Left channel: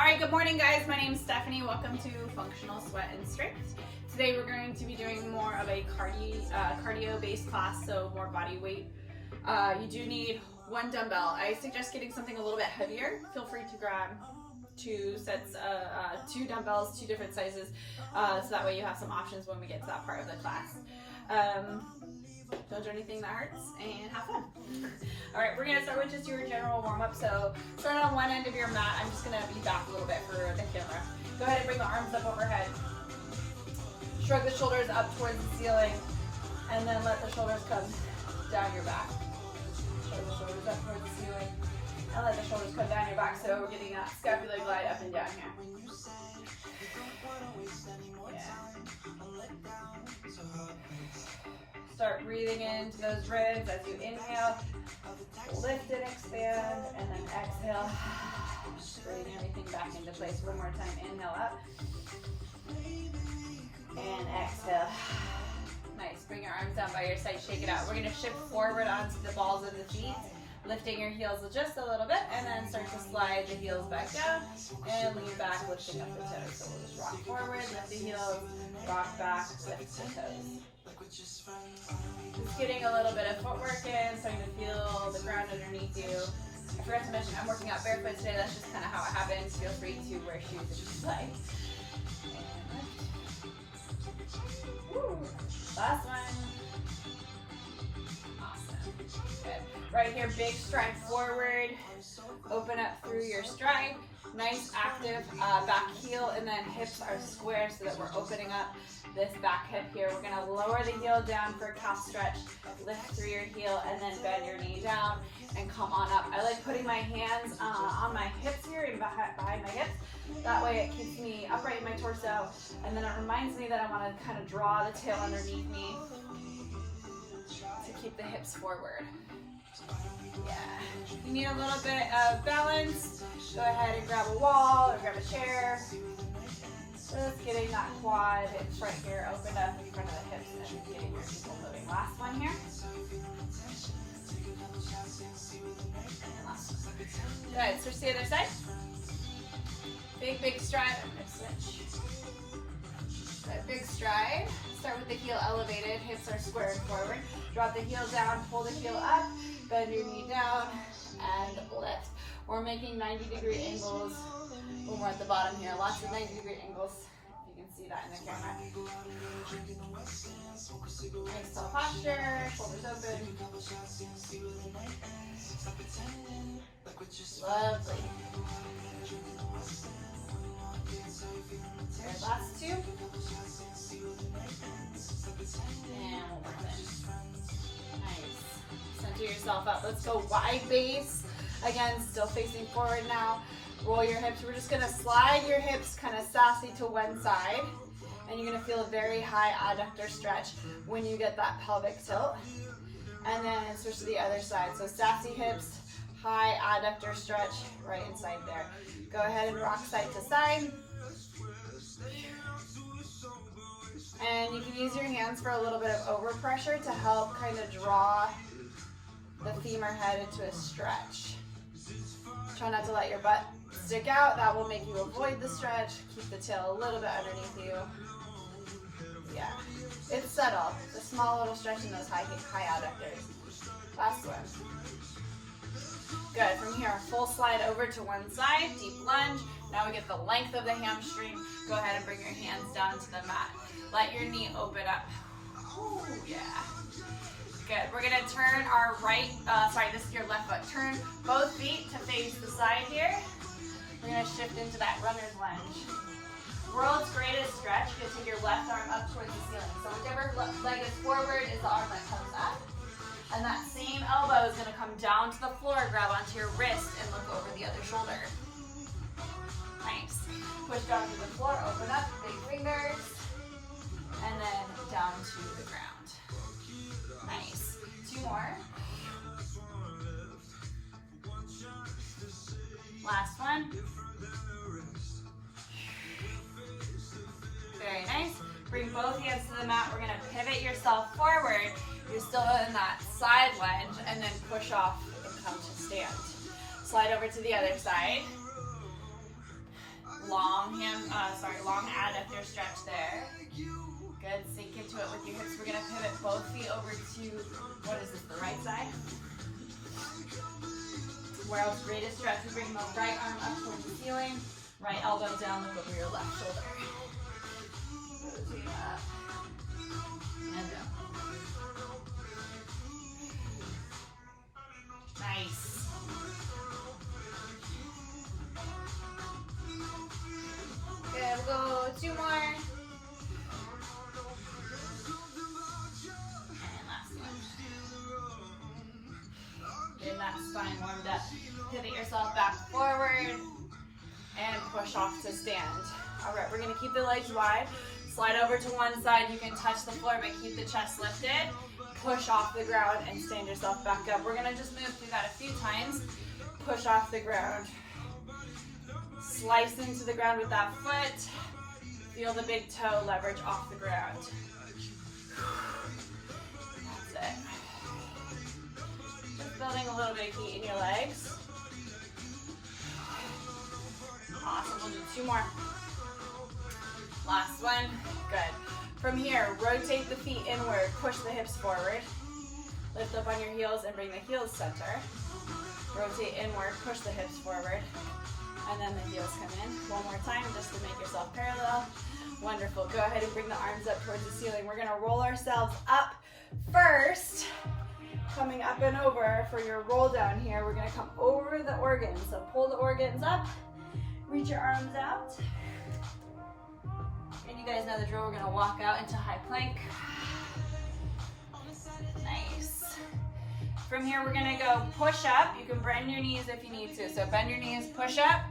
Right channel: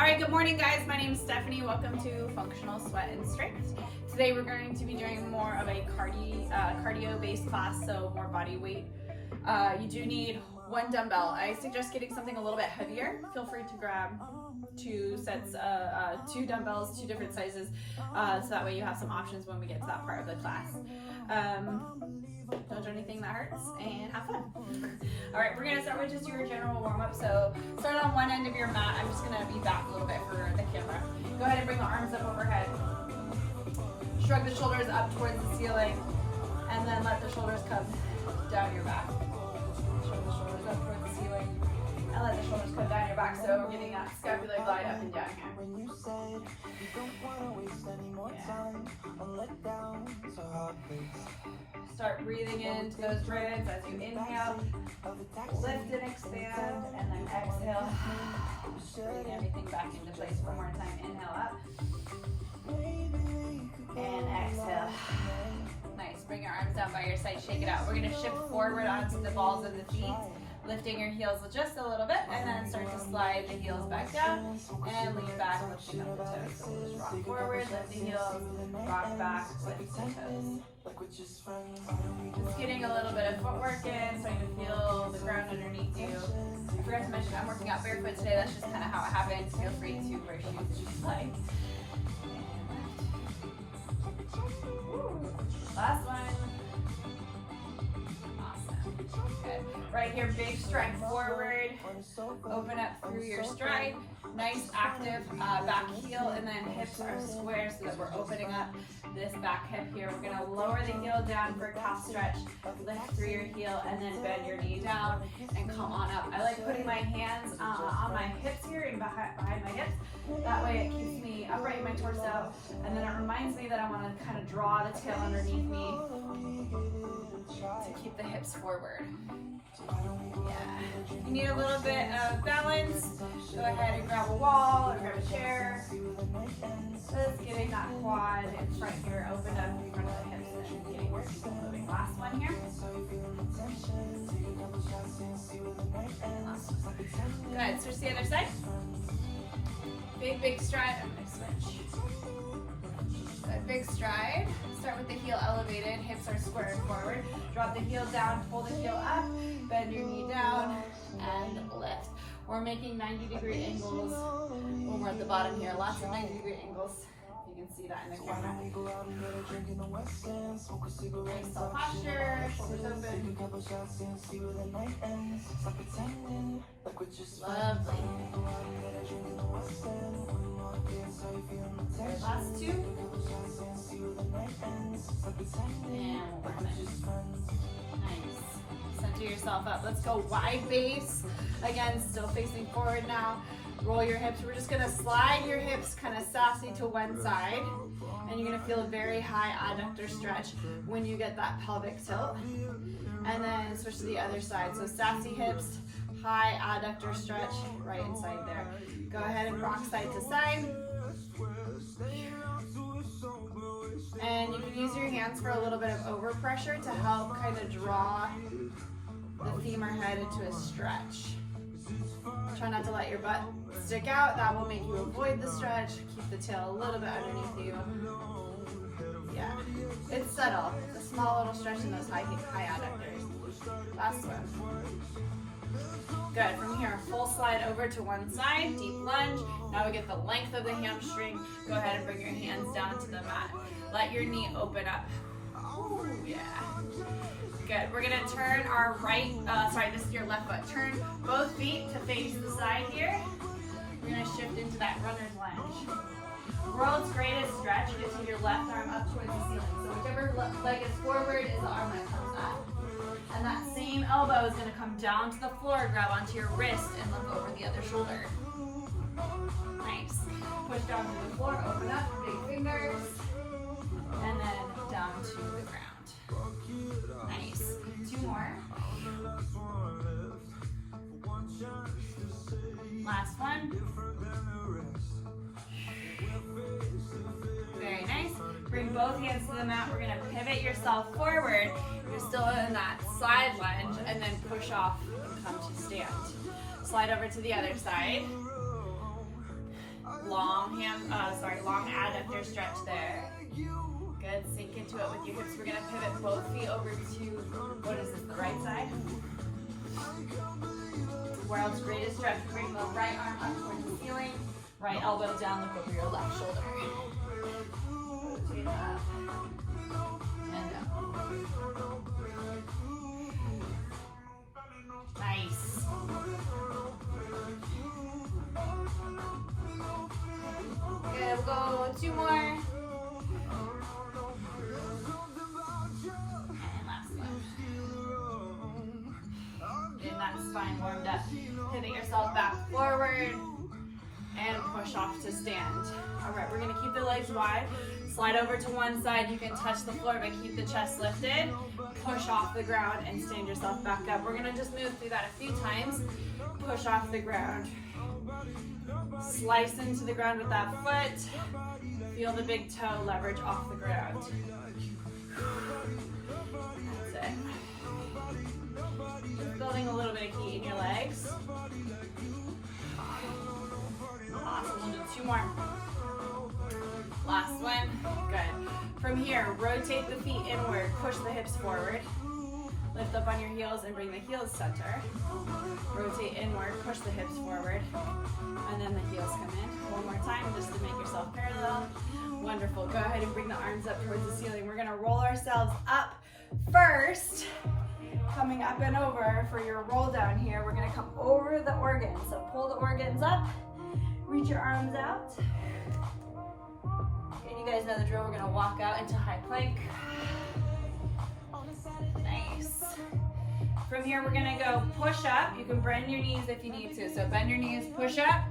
All right, good morning guys. My name is Stephanie. Welcome to Functional Sweat and Strength. Today we're going to be doing more of a cardio-based class, so more body weight. You do need one dumbbell. I suggest getting something a little bit heavier. Feel free to grab two dumbbells, two different sizes, so that way you have some options when we get to that part of the class. Don't do anything that hurts and have fun. All right, we're gonna start with just your general warm-up. So start on one end of your mat. I'm just gonna be back a little bit for the camera. Go ahead and bring the arms up overhead. Shrug the shoulders up towards the ceiling, and then let the shoulders come down your back. Shrug the shoulders up towards the ceiling, and let the shoulders come down your back. So we're getting that scapular glide up and down here. Start breathing into those ribs as you inhale, lift and expand, and then exhale. Bring everything back into place one more time. Inhale up, and exhale. Nice, bring your arms down by your side, shake it out. We're gonna shift forward onto the balls of the feet, lifting your heels just a little bit, and then start to slide the heels back down, and lean back, lifting up the toes. So we'll just rock forward, lift the heels, rock back, lift the toes. Just getting a little bit of footwork in, starting to feel the ground underneath you. I forgot to mention I'm working out barefoot today. That's just kind of how it happens. Feel free to wear shoes if you like. Last one. Awesome. Good. Right here, big stride forward. Open up through your stride. Nice active back heel, and then hips are square so that we're opening up this back hip here. We're gonna lower the heel down for a calf stretch, lift through your heel, and then bend your knee down and come on up. I like putting my hands on my hips here and behind my hips. That way it keeps me upright in my torso, and then it reminds me that I wanna kind of draw the tail underneath me to keep the hips forward. Yeah. You need a little bit of balance. Go ahead and grab a wall or grab a chair. Just getting that quad hips right here opened up in front of the hips and getting your feet moving. Last one here. And last one. Good. Switch to the other side. Big stride. I'm going to switch. Good. Big stride. Start with the heel elevated. Hips are squared forward. Drop the heel down. Pull the heel up. Bend your knee down and lift. We're making 90-degree angles when we're at the bottom here. Lots of 90-degree angles. You can see that in the camera. Nice tall posture, shoulders open. Lovely. Good. Last two. And we're finished. Nice. Center yourself up. Let's go wide base. Again, still facing forward now. Roll your hips. We're just gonna slide your hips kind of sassy to one side, and you're gonna feel a very high adductor stretch when you get that pelvic tilt. And then switch to the other side. So sassy hips, high adductor stretch right inside there. Go ahead and rock side to side. And you can use your hands for a little bit of overpressure to help kind of draw the femur head into a stretch. Try not to let your butt stick out. That will make you avoid the stretch. Keep the tail a little bit underneath you. Yeah, it's subtle. It's a small little stretch in those high adductors. Last one. Good. From here, full slide over to one side, deep lunge. Now we get the length of the hamstring. Go ahead and bring your hands down to the mat. Let your knee open up. Ooh, yeah. Good. We're gonna turn our this is your left foot. Turn both feet to face the side here. We're gonna shift into that runner's lunge. World's greatest stretch. You can take your left arm up towards the ceiling. So whichever leg is forward is the arm that comes up. And that same elbow is gonna come down to the floor, grab onto your wrist, and look over the other shoulder. Nice. Push down to the floor, open up, big fingers, and then down to the ground. Nice. Two more. Last one. Very nice. Bring both hands to the mat. We're going to pivot yourself forward. You're still in that side lunge, and then push off and come to stand. Slide over to the other side. long long adductor stretch there. Good, sink into it with your hips. We're gonna pivot both feet over to, what is this, the right side? World's greatest stretch. We bring the right arm up towards the ceiling, right elbow down, look over your left shoulder. Rotate up and down. Nice. Good, we'll go 2 more. And last one. Getting that spine warmed up. Pivot yourself back forward and push off to stand. All right, we're gonna keep the legs wide. Slide over to one side. You can touch the floor, but keep the chest lifted. Push off the ground and stand yourself back up. We're gonna just move through that a few times. Push off the ground. Slice into the ground with that foot. Feel the big toe leverage off the ground. That's it. Just building a little bit of heat in your legs. Awesome, we'll do 2 more. Last one, good. From here, rotate the feet inward, push the hips forward. Lift up on your heels and bring the heels center. Rotate inward, push the hips forward. And then the heels come in. One more time, just to make yourself parallel. Wonderful, go ahead and bring the arms up towards the ceiling. We're gonna roll ourselves up first. Coming up and over for your roll down here. We're gonna come over the organs. So pull the organs up, reach your arms out. And you guys know the drill, we're gonna walk out into high plank. Nice. From here, we're gonna go push up. You can bend your knees if you need to. So bend your knees, push up.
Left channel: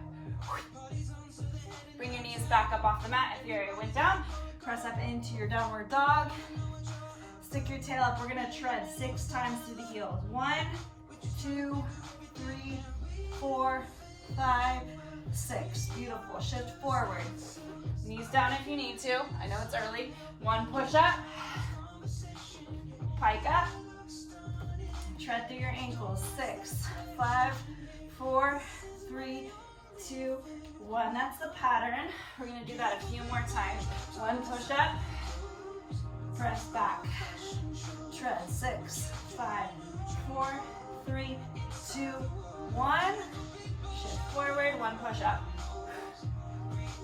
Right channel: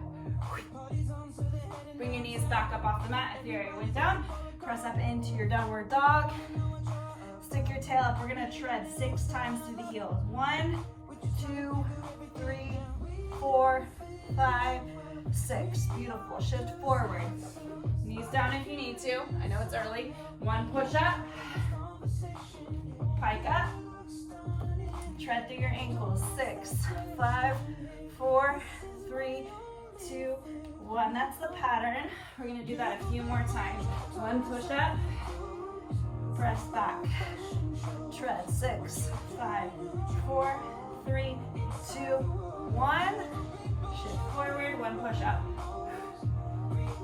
Bring your knees back up off the mat if you already went down. Press up into your downward dog. Stick your tail up. We're gonna tread 6 times through the heels. 1, 2, 3, 4, 5, 6. Beautiful. Shift forward. Knees down if you need to. I know it's early. 1 push up. Pike up. Tread through your ankles. 6, 5, 4, 3, 2, 1. That's the pattern. We're gonna do that a few more times. 1 push up. Press back. Tread. 6, 5, 4, 3, 2, 1. Shift forward. 1 push up.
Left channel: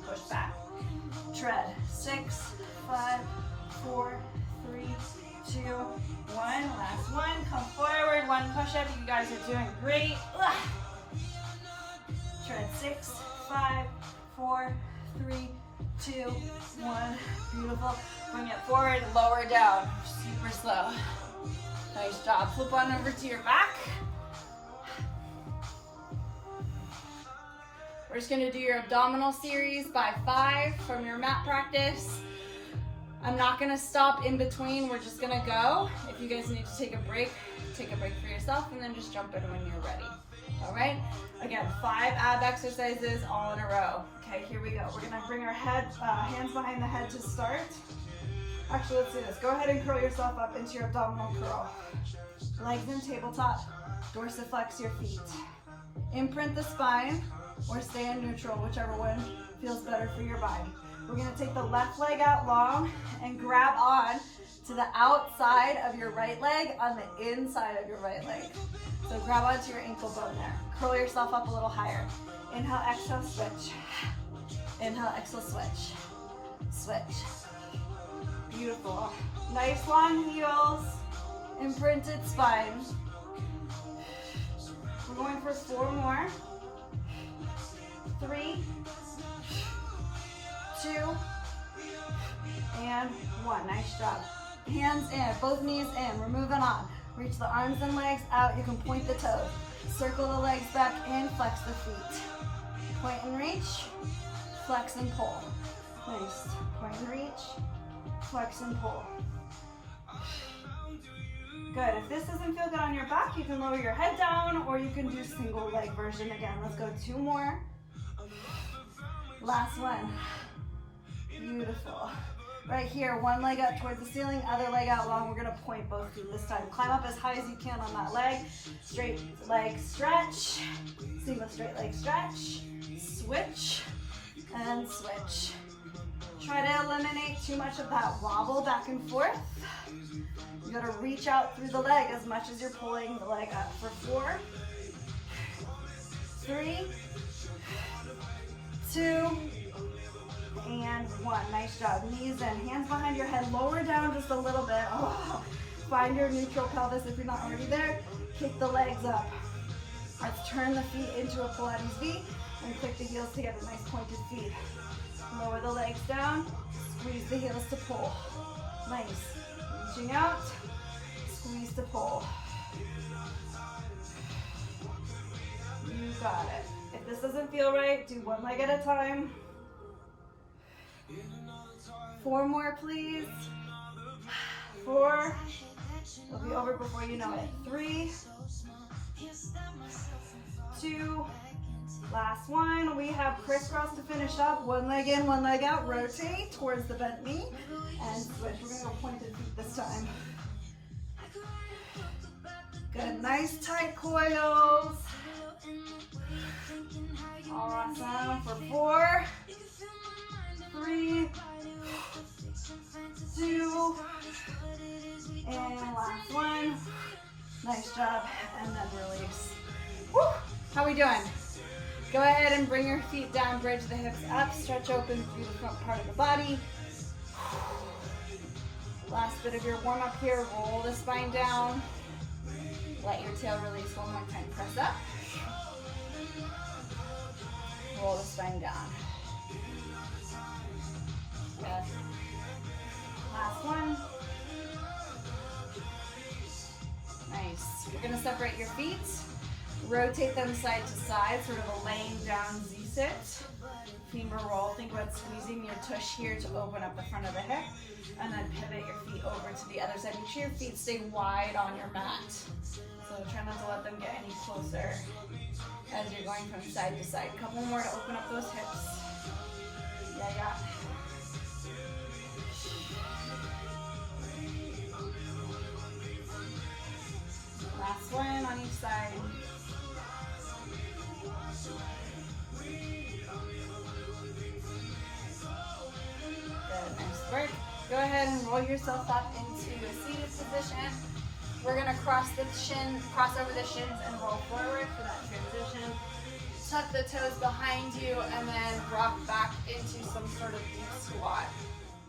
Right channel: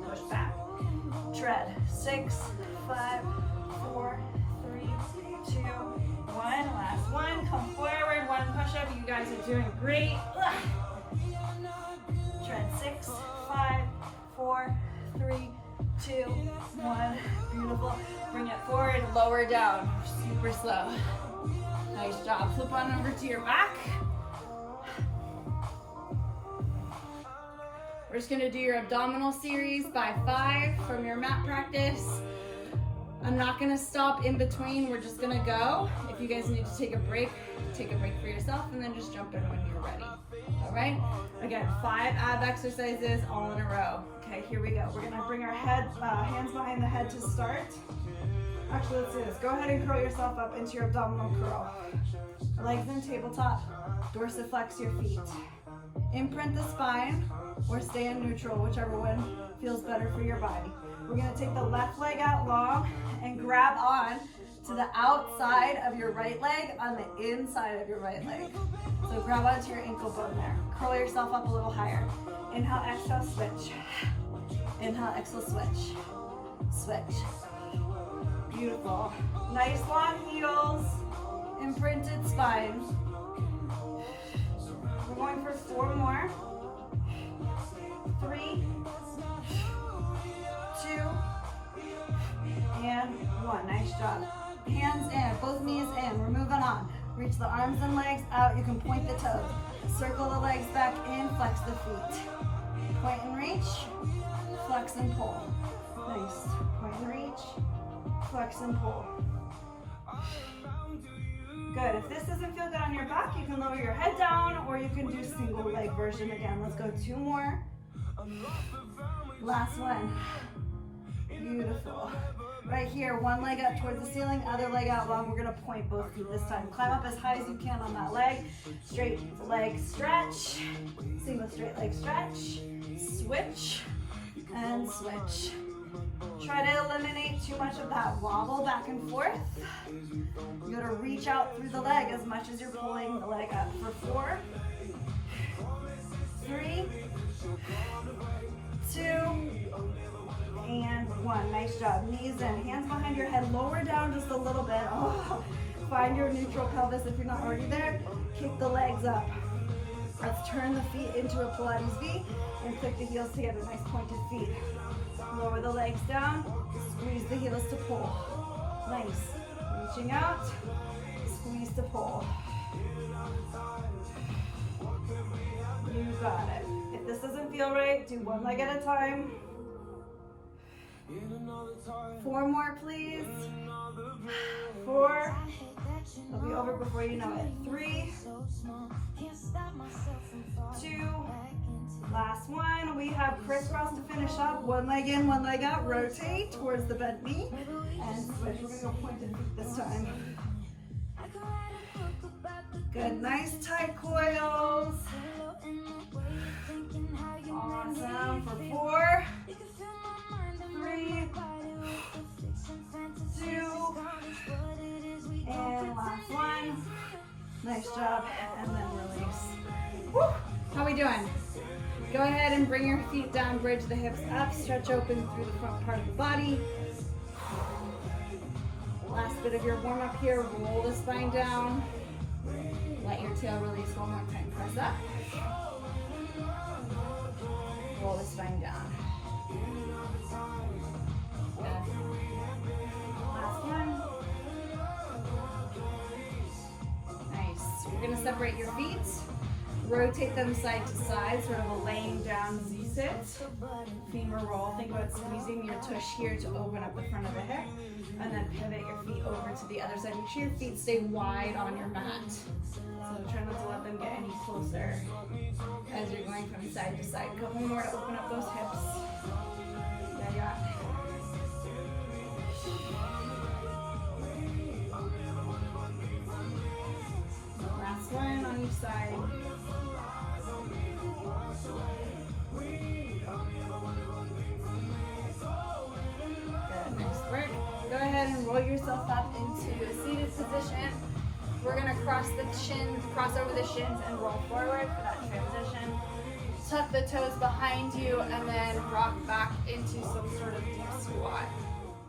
Push back. Tread. 6, 5, 4, 3, 2, 1. Last one. Come forward. 1 push up. You guys are doing great. Tread. 6, 5, 4, 3, 2, 1. Beautiful. Bring it forward, lower down. Super slow. Nice job. Flip on over to your back. We're just gonna do your abdominal series by 5 from your mat practice. I'm not gonna stop in between. We're just gonna go. If you guys need to take a break for yourself, and then just jump in when you're ready. All right? Again, 5 ab exercises all in a row. Okay, here we go. We're gonna bring our hands behind the head to start. Actually, let's do this. Go ahead and curl yourself up into your abdominal curl. Legs in tabletop. Dorsiflex your feet. Imprint the spine or stay in neutral, whichever one feels better for your body. We're gonna take the left leg out long and grab on to the outside of your right leg on the inside of your right leg. So grab onto your ankle bone there. Curl yourself up a little higher. Inhale, exhale, switch. Inhale, exhale, switch. Switch. Beautiful. Nice long heels. Imprinted spine. We're going for 4 more. 3, 2, and 1. Nice job. Hands in, both knees in. We're moving on. Reach the arms and legs out. You can point the toes. Circle the legs back in, flex the feet. Point and reach, flex and pull. Nice. Point and reach, flex and pull. Good. If this doesn't feel good on your back, you can lower your head down, or you can do single leg version again. Let's go 2 more. Last one. Beautiful. Right here, 1 leg up towards the ceiling, other leg out long. We're gonna point both feet this time. Climb up as high as you can on that leg. Straight leg stretch. Single straight leg stretch. Switch. And and switch. Try to eliminate too much of that wobble back and forth. You're gonna reach out through the leg as much as you're pulling the leg up for 4, 3, 2, and 1. Nice job. Knees in, hands behind your head, lower down just a little bit. Oh, find your neutral pelvis if you're not already there. Kick the legs up. Let's turn the feet into a Pilates V and click the heels together. Nice pointed feet. Lower the legs down, squeeze the heels to pull. Nice. Reaching out, squeeze to pull. You got it. If this doesn't feel right, do one leg at a time. 4 more, please. 4. It'll be over before you know it. 3, 2, last one. We have crisscross to finish up. One leg in, one leg out. Rotate towards the bent knee and switch. We're gonna go pointed feet this time. Good, nice tight coils. Awesome. For 4, 3, 2, and last one. Nice job, and then release. Woo. How are we doing? Go ahead and bring your feet down, bridge the hips up, stretch open through the front part of the body. Last bit of your warm up here, roll the spine down. Let your tail release one more time, press up. Roll the spine down. Last one. Nice. You're gonna separate your feet. Rotate them side to side, sort of a laying down Z-sit. Femur roll. Think about squeezing your tush here to open up the front of the hip. And then pivot your feet over to the other side. Make sure your feet stay wide on your mat. So try not to let them get any closer as you're going from side to side. A couple more to open up those hips. Yeah. Last one on each side. Good, nice work. Go ahead and roll yourself up into a seated position. We're gonna cross over the shins and roll forward for that transition. Tuck the toes behind you and then rock back into some sort of deep squat.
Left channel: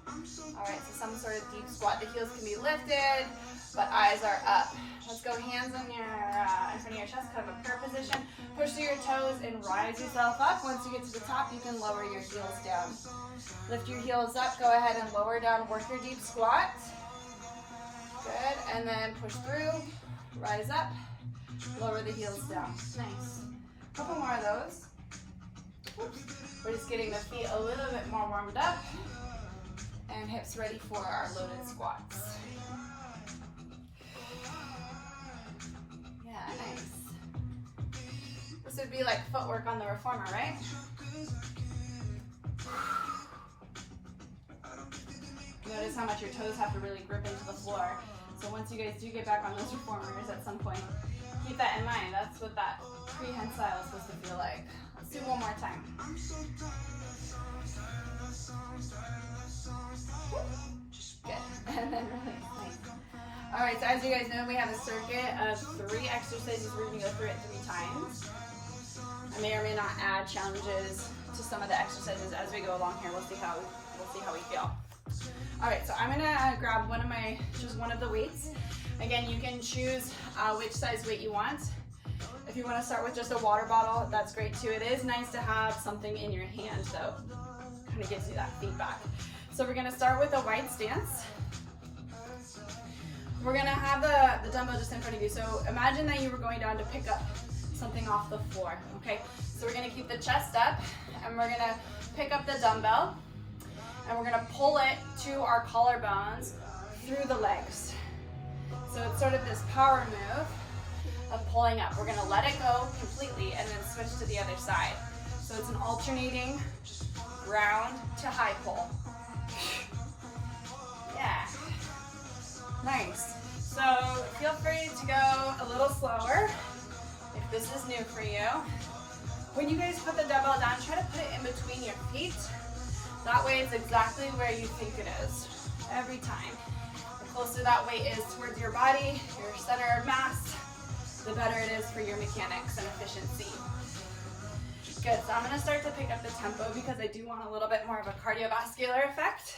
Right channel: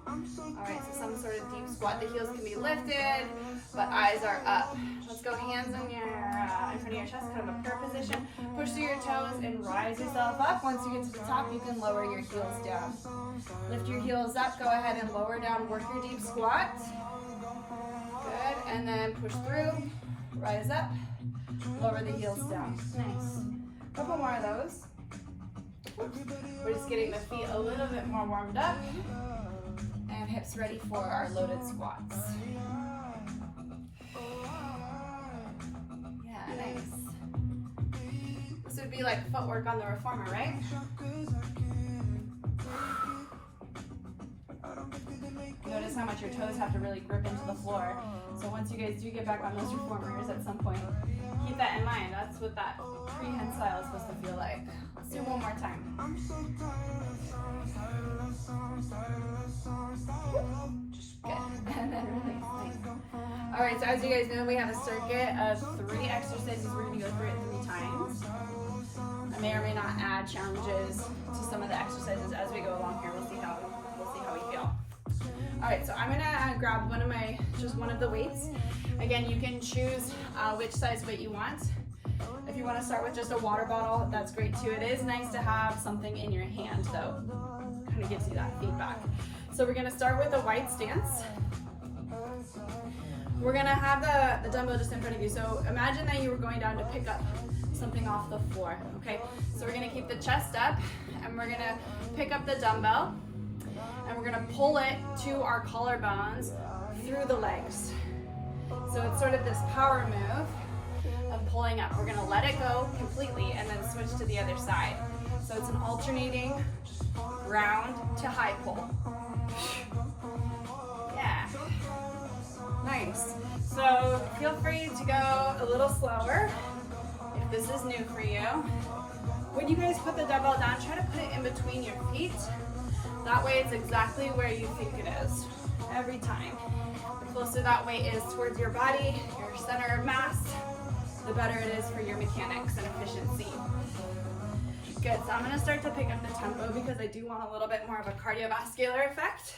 Alright, so some sort of deep squat. The heels can be lifted, but eyes are up. Let's go hands in front of your chest, kind of a prayer position. Push through your toes and rise yourself up. Once you get to the top, you can lower your heels down. Lift your heels up, go ahead and lower down, work your deep squat. Good, and then push through, rise up, lower the heels down. Nice. A couple more of those. Oops. We're just getting the feet a little bit more warmed up and hips ready for our loaded squats. Yeah, nice. This would be like footwork on the reformer, right? Notice how much your toes have to really grip into the floor. So once you guys do get back on those reformers at some point, keep that in mind. That's what that prehensile is supposed to feel like. Let's do one more time. Good. And then release. Nice. All right, so as you guys know, we have a circuit of 3 exercises. We're going to go through it 3 times. I may or may not add challenges to some of the exercises as we go along here. We'll see how we feel. All right, so I'm gonna grab just one of the weights. Again, you can choose which size weight you want. If you want to start with just a water bottle, that's great too. It is nice to have something in your hand, though. Kind of gives you that feedback. So we're gonna start with a wide stance. We're gonna have the dumbbell just in front of you. So imagine that you were going down to pick up something off the floor, okay? So we're gonna keep the chest up, and we're gonna pick up the dumbbell, and we're gonna pull it to our collarbones through the legs. So it's sort of this power move of pulling up. We're gonna let it go completely and then switch to the other side. So it's an alternating ground to high pull. Yeah, nice. So feel free to go a little slower if this is new for you. When you guys put the dumbbell down, try to put it in between your feet. That way it's exactly where you think it is, every time. The closer that weight is towards your body, your center of mass, the better it is for your mechanics and efficiency. Good, so I'm gonna start to pick up the tempo because I do want a little bit more of a cardiovascular effect.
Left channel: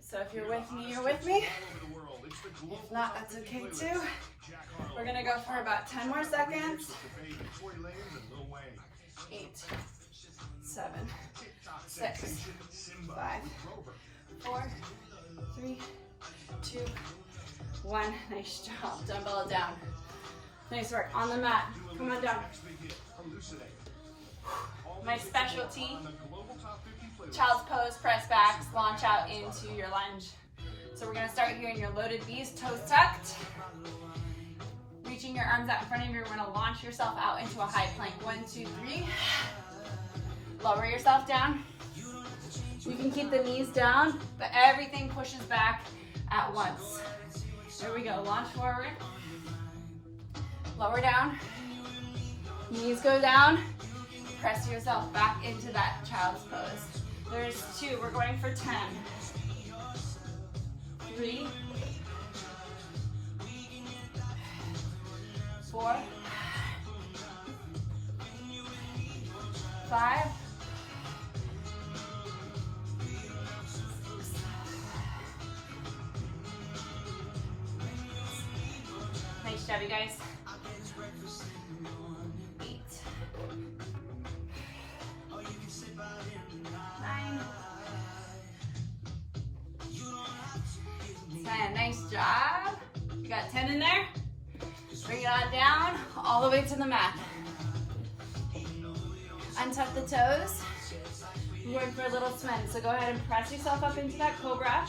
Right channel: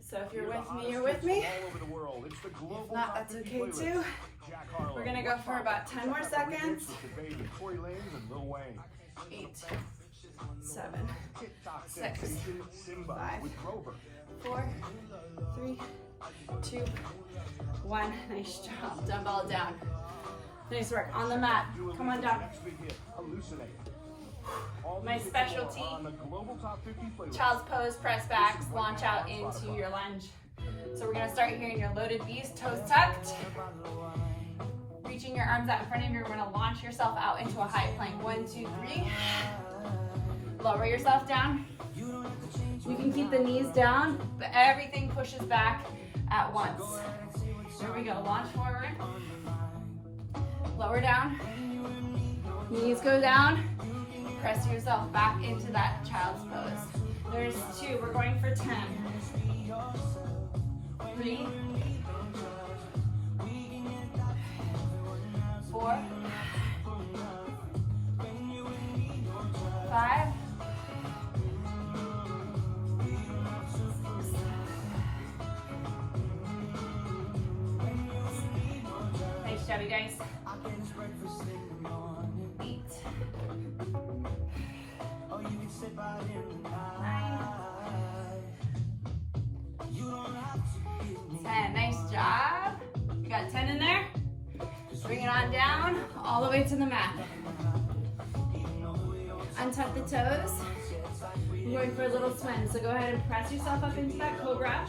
So if you're with me, you're with me. If not, that's okay too. We're gonna go for about 10 more seconds. 8, 7, 6, 5, 4, 3, 2, 1. Nice job. Dumbbell down. Nice work. On the mat. Come on down. My specialty, child's pose, press backs, launch out into your lunge. So we're gonna start here in your loaded V's, toes tucked. Reaching your arms out in front of you, you're gonna launch yourself out into a high plank. 1, 2, 3. Lower yourself down. You can keep the knees down, but everything pushes back at once. Here we go, launch forward. Lower down. Knees go down. Press yourself back into that child's pose. There's 2, we're going for 10. 3, 4, 5, 6. Nice job, you guys. 8, 9, 10. Nice job. You got 10 in there. Bring it on down, all the way to the mat. Untuck the toes. You're going for a little swim. So go ahead and press yourself up into that cobra.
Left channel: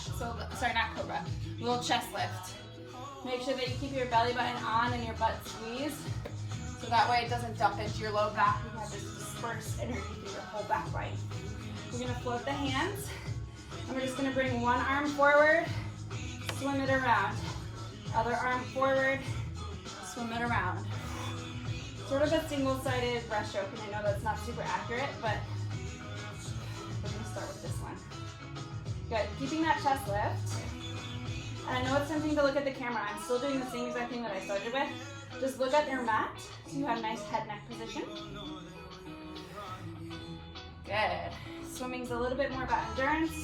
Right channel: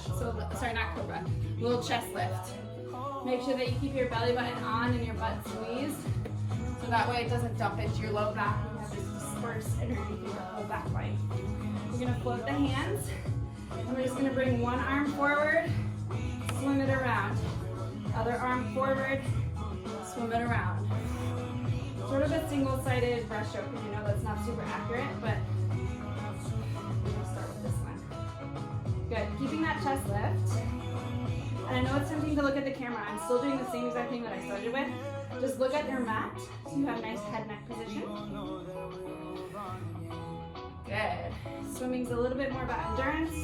Sorry, not cobra. Little chest lift. Make sure that you keep your belly button on and your butt squeezed. So that way it doesn't dump into your low back and you have to disperse energy through your whole back right. We're going to float the hands. And we're just going to bring one arm forward, swim it around. Other arm forward, swim it around. Sort of a single-sided brush stroke. I know that's not super accurate, but we're going to start with this one. Good. Keeping that chest lift. And I know it's tempting to look at the camera. I'm still doing the same exact thing that I started with. Just look at your mat so you have nice head-neck position. Good. Swimming's a little bit more about endurance.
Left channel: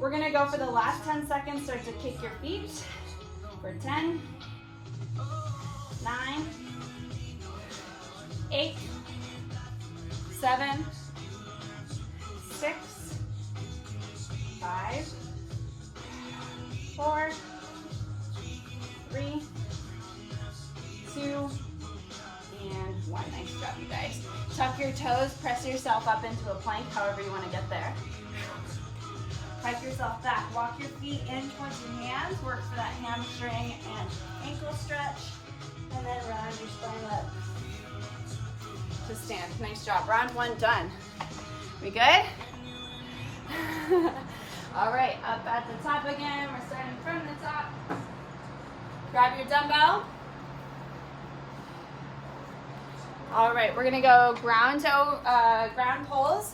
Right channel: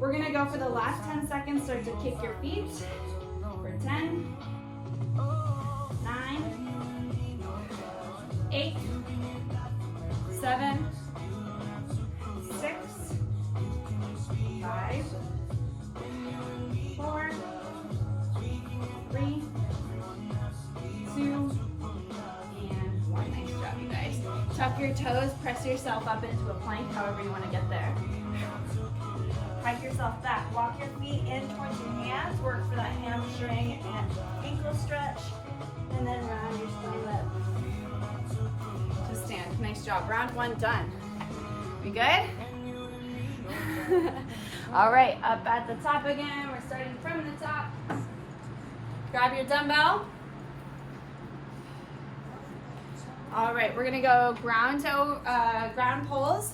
We're going to go for the last 10 seconds. Start to kick your feet for 10, 9, 8, 7, 6, 5, 4, 3, 2, and 1. Nice job, you guys. Tuck your toes, press yourself up into a plank, however you want to get there. Hike yourself back. Walk your feet in towards your hands. Work for that hamstring and ankle stretch. And then round your spine up to stand. Nice job. Round 1 done. We good? All right, up at the top again. We're starting from the top. Grab your dumbbell. All right, we're gonna go ground pulls.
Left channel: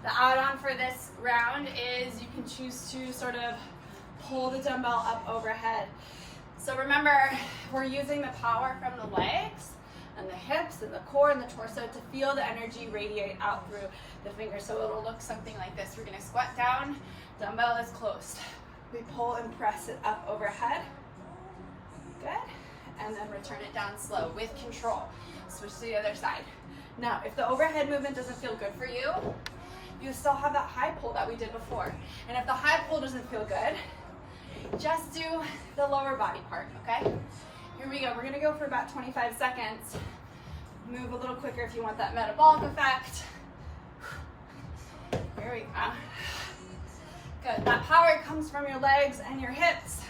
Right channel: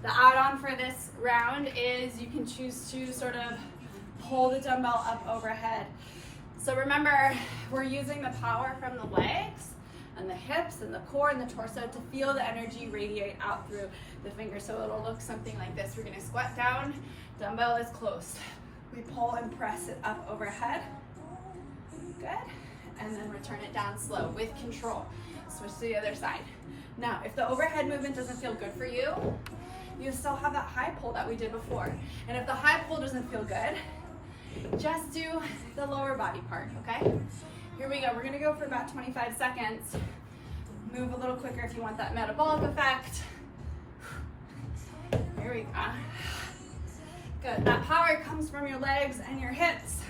The add-on for this round is you can choose to sort of pull the dumbbell up overhead. So remember, we're using the power from the legs and the hips and the core and the torso to feel the energy radiate out through the fingers. So it'll look something like this. We're gonna squat down, dumbbell is closed. We pull and press it up overhead. Good. And then return it down slow with control. Switch to the other side. Now, if the overhead movement doesn't feel good for you, you still have that high pull that we did before. And if the high pull doesn't feel good, just do the lower body part, okay? Here we go. We're gonna go for about 25 seconds. Move a little quicker if you want that metabolic effect. Here we go. Good. That power comes from your legs and your hips,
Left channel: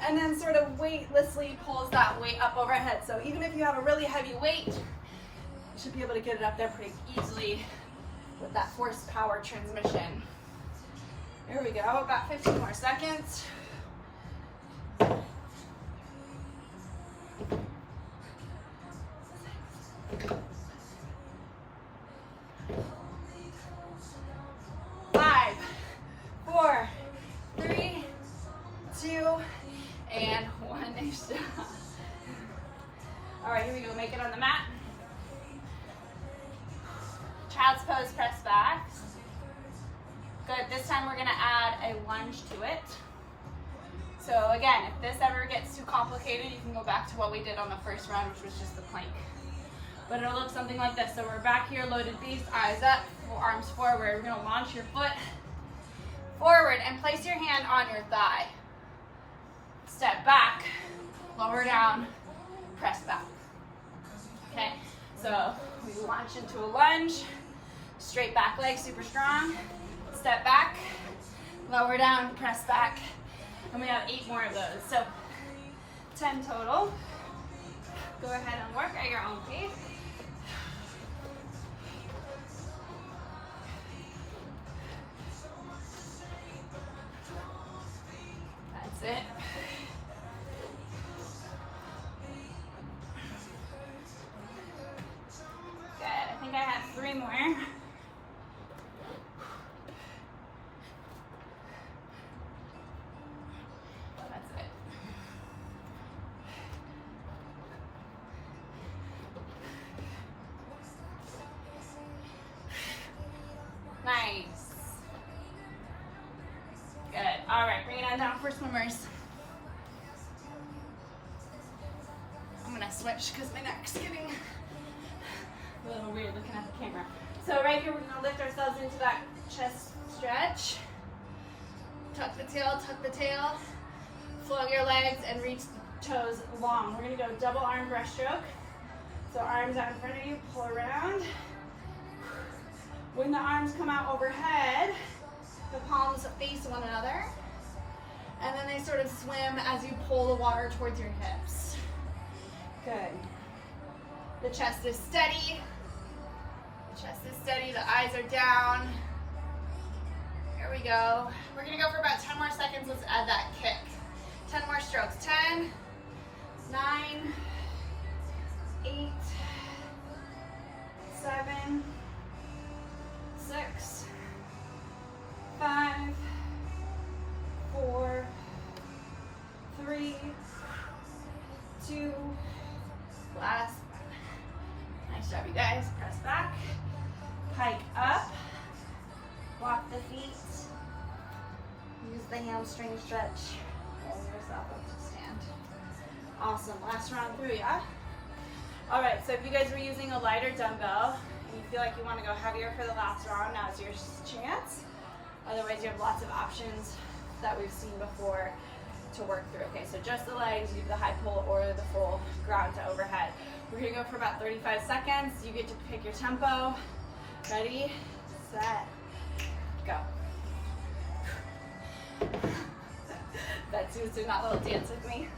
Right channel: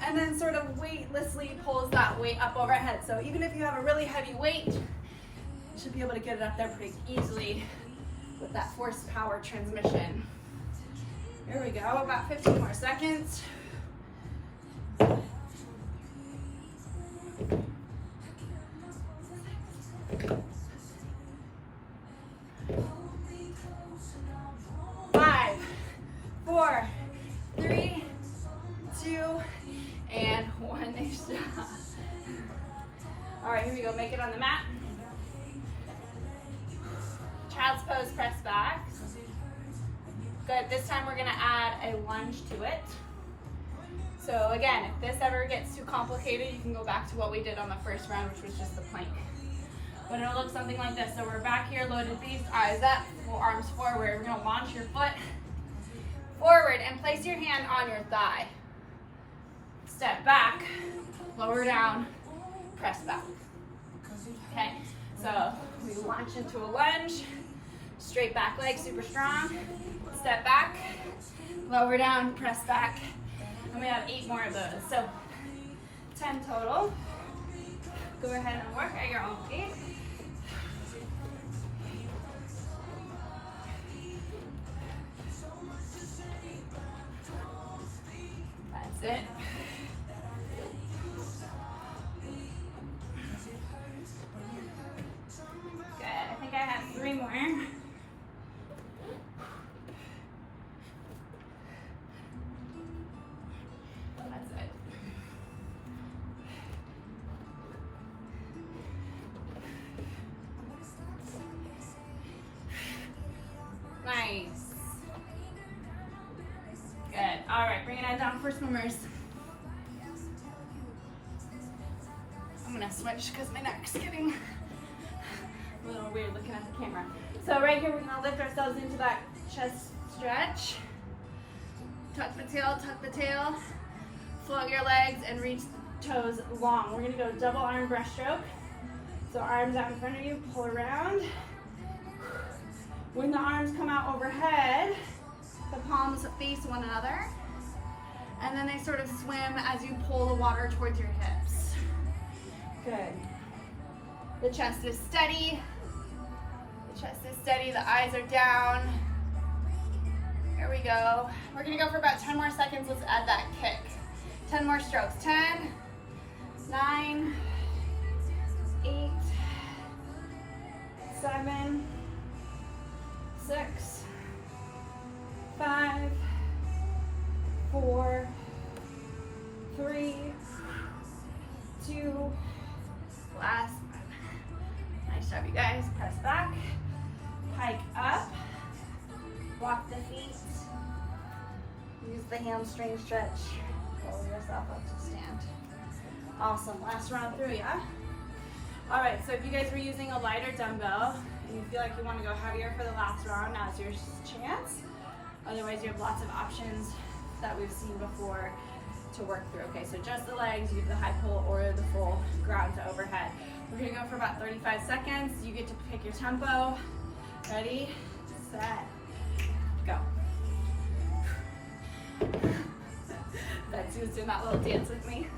and then sort of weightlessly pulls that weight up overhead. So even if you have a really heavy weight, you should be able to get it up there pretty easily with that force power transmission. Here we go, about 15 more seconds. Child's pose, press back. Good, this time we're gonna add a lunge to it. So again, if this ever gets too complicated, you can go back to what we did on the first round, which was just the plank. But it'll look something like this. So we're back here, loaded beast, eyes up, arms forward. We're gonna launch your foot forward and place your hand on your thigh. Step back, lower down, press back. Okay, so we launch into a lunge, straight back leg, super strong. Step back, lower down, press back. And we have 8 more of those. So 10 total. Go ahead and work at your own pace. That's it. Good. I think I have 3 more. Nice. Good. All right, bring it on down for swimmers. I'm gonna switch because my neck's getting a little weird looking at the camera. So right here, we're gonna lift ourselves into that chest stretch. Tuck the tail, flog your legs, and reach the toes long. We're gonna go double arm breaststroke. So arms out in front of you, pull around. When the arms come out overhead, the palms face one another, and then they sort of swim as you pull the water towards your hips. Good. The chest is steady. The chest is steady, the eyes are down. Here we go. We're gonna go for about 10 more seconds. Let's add that kick. 10 more strokes. 10, 9, 8, 7, 6, 5, 4, 3, 2, last one. Nice job, you guys. Press back, pike up, walk the feet, use the hamstring stretch, roll yourself up to stand. Awesome, last round through, yeah? All right, so if you guys were using a lighter dumbbell, you feel like you want to go heavier for the last round, now's your chance. Otherwise, you have lots of options that we've seen before to work through. Okay, so just the legs, you do the high pull or the full ground to overhead. We're gonna go for about 35 seconds. You get to pick your tempo. Ready, set, go. Betsy's doing that little dance with me.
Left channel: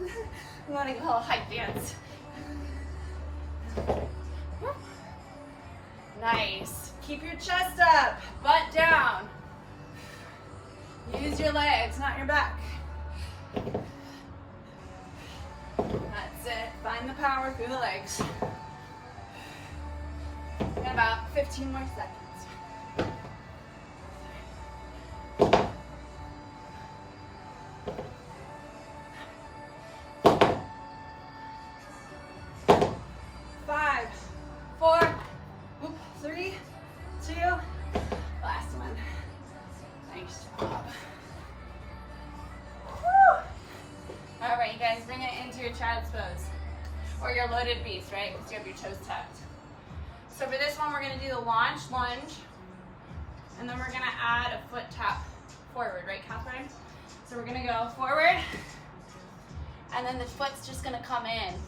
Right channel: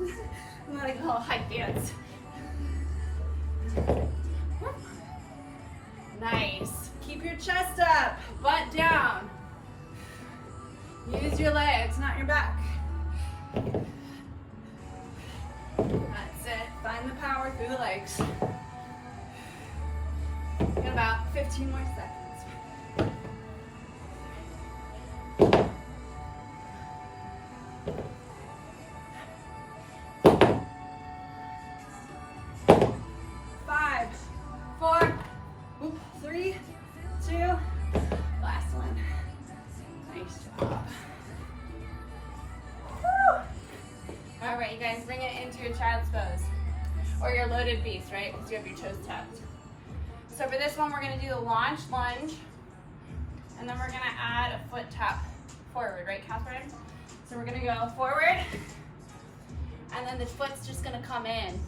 I'm gonna go a little hype dance. Nice. Keep your chest up, butt down. Use your legs, not your back. That's it. Find the power through the legs. Got about 15 more seconds. You guys bring it into your child's pose or your loaded beast, right? Because you have your toes tucked. So for this one, we're going to do the lunge, and then we're going to add a foot tap forward, right, Catherine? So we're going to go forward, and then the foot's just going to come in.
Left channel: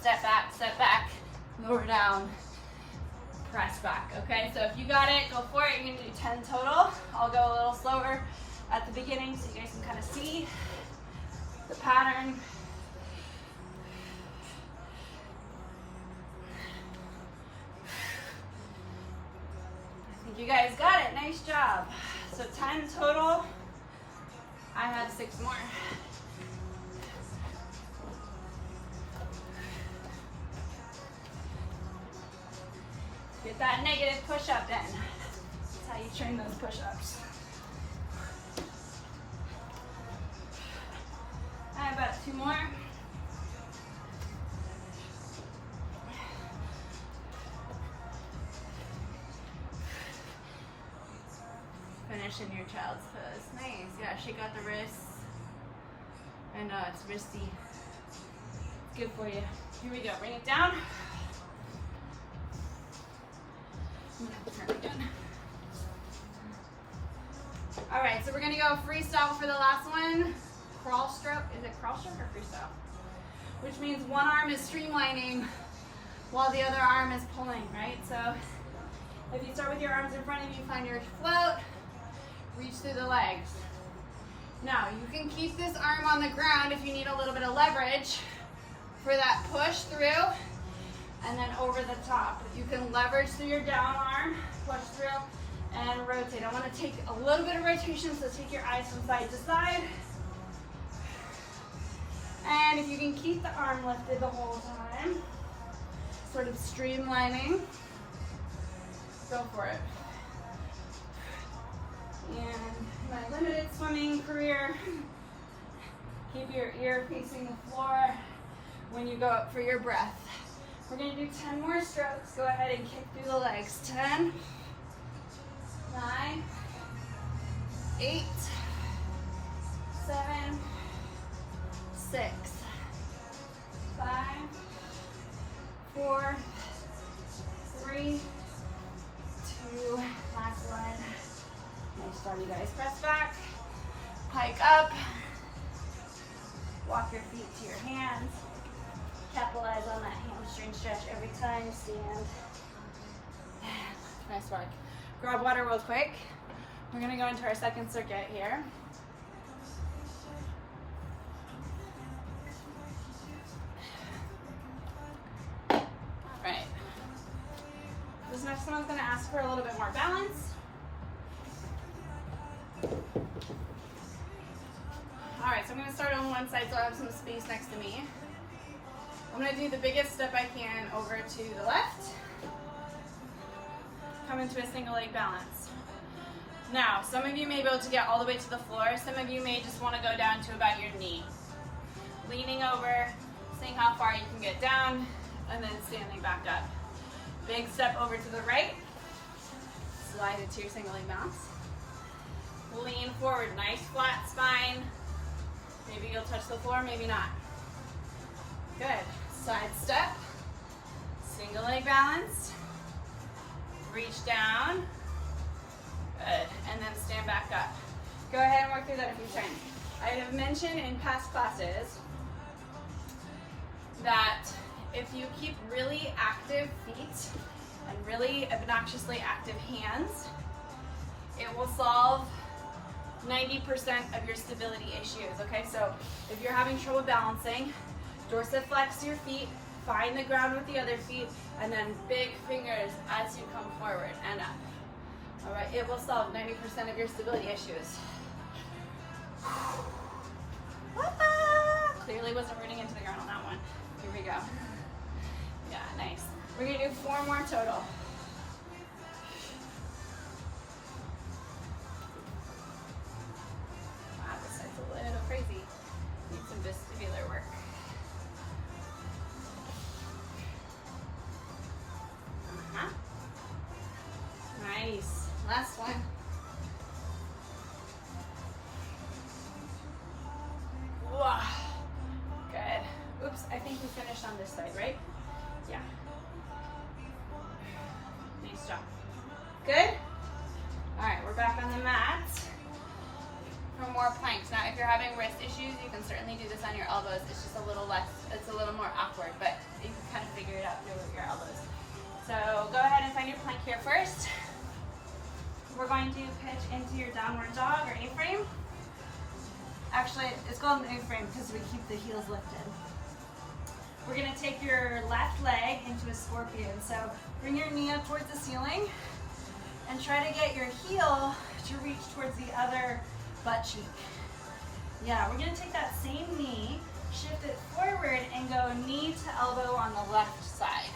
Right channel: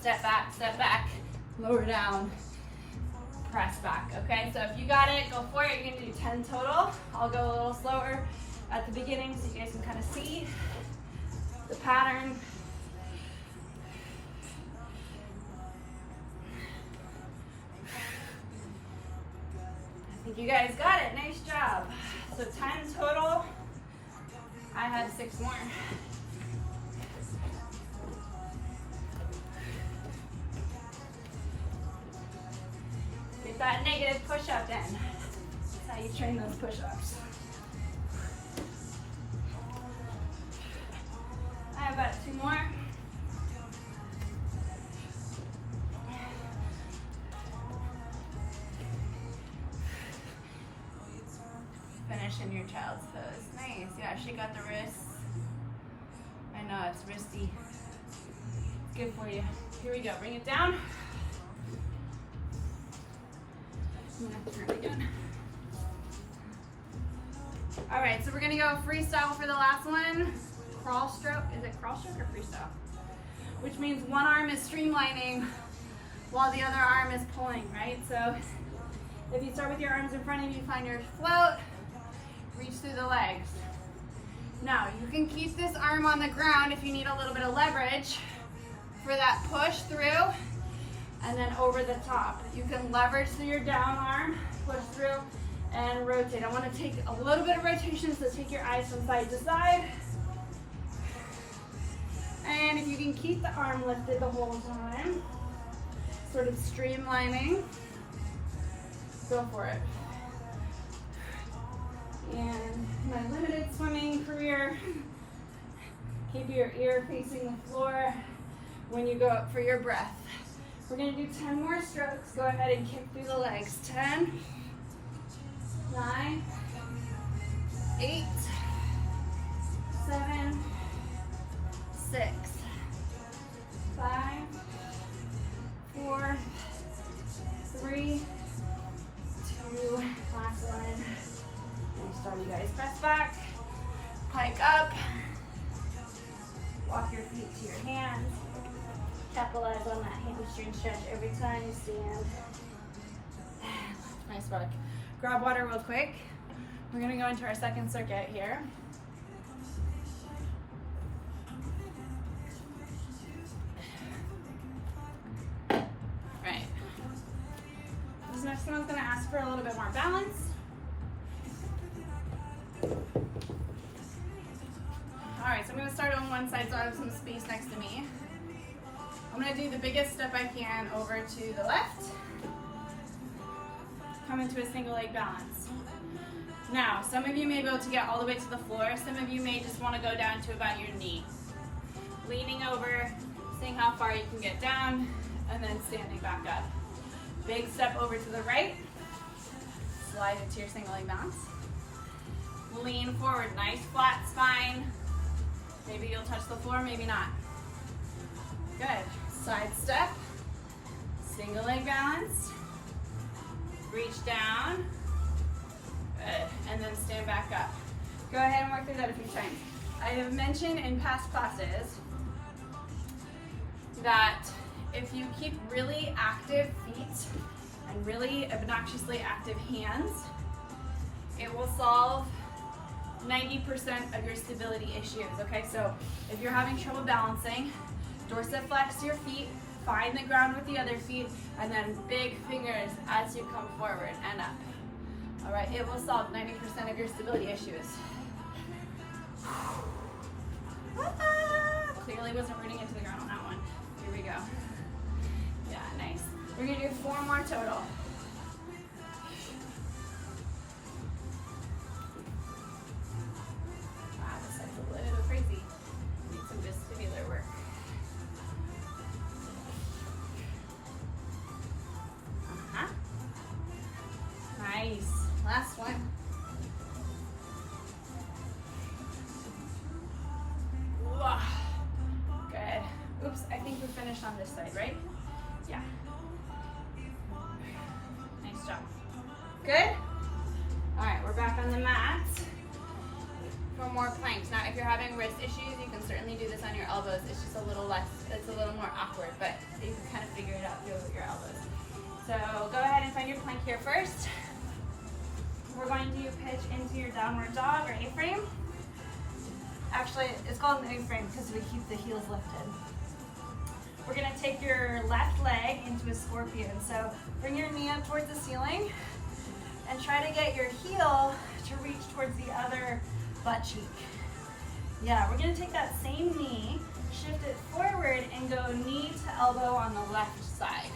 Step back, lower down, press back, okay? So if you got it, go for it. You're going to do 10 total. I'll go a little slower at the beginning so you guys can kind of see the pattern. I think you guys got it. Nice job. So 10 total. I had 6 more. Get that negative push-up in. That's how you train those push-ups. I have about 2 more. finish in your child's pose. Nice. Yeah, shake out the wrists. I know, it's wristy. It's good for you. Here we go. Bring it down. Turn again. All right, so we're gonna go freestyle for the last one. Crawl stroke. Is it crawl stroke or freestyle? Which means one arm is streamlining while the other arm is pulling, right? So if you start with your arms in front of you, find your float, reach through the legs. Now, you can keep this arm on the ground if you need a little bit of leverage for that push through and then over the top. You can leverage through your down arm, push through, and rotate. I want to take a little bit of rotation, so take your eyes from side to side. And if you can keep the arm lifted the whole time, sort of streamlining, go for it. And my limited swimming career, keep your ear facing the floor when you go up for your breath. We're gonna do 10 more strokes. Go ahead and kick through the legs. 10, 9, 8, 7, 6, 5, 4, 3, 2, last one. Nice job, you guys. Press back, pike up, walk your feet to your hands. Capitalize on that hamstring stretch every time you stand. Nice work. Grab water real quick. We're gonna go into our second circuit here. All right. This next one is gonna ask for a little bit more balance. All right, so I'm gonna start on one side so I have some space next to me. I'm gonna do the biggest step I can over to the left. Come into a single leg balance. Now, some of you may be able to get all the way to the floor. Some of you may just wanna go down to about your knee. Leaning over, seeing how far you can get down, and then standing back up. Big step over to the right. Slide into your single leg balance. Lean forward, nice flat spine. Maybe you'll touch the floor, maybe not. Good. Side step, single leg balance, reach down, good, and then stand back up. Go ahead and work through that a few times. I have mentioned in past classes that if you keep really active feet and really obnoxiously active hands, it will solve 90% of your stability issues, okay? So if you're having trouble balancing, dorsiflex your feet, find the ground with the other feet, and then big fingers as you come forward and up. All right, it will solve 90% of your stability issues. Clearly wasn't running into the ground on that one. Here we go. Yeah, nice. We're gonna do 4 more total. Wow, this side's a little crazy. Need some vestibular work. Nice. Last one. Whoa. Good. Oops, I think we finished on this side, right? Yeah. Nice job. Good? All right, we're back on the mat for more planks. Now, if you're having wrist issues, you can certainly do this on your elbows. It's just a little less, it's a little more awkward, but you can kind of figure it out with your elbows. So go ahead and find your plank here first. We're going to pitch into your downward dog or A-frame. Actually, it's called an A-frame because we keep the heels lifted. We're gonna take your left leg into a scorpion. So bring your knee up towards the ceiling and try to get your heel to reach towards the other butt cheek. Yeah, we're gonna take that same knee, shift it forward and go knee to elbow on the left side.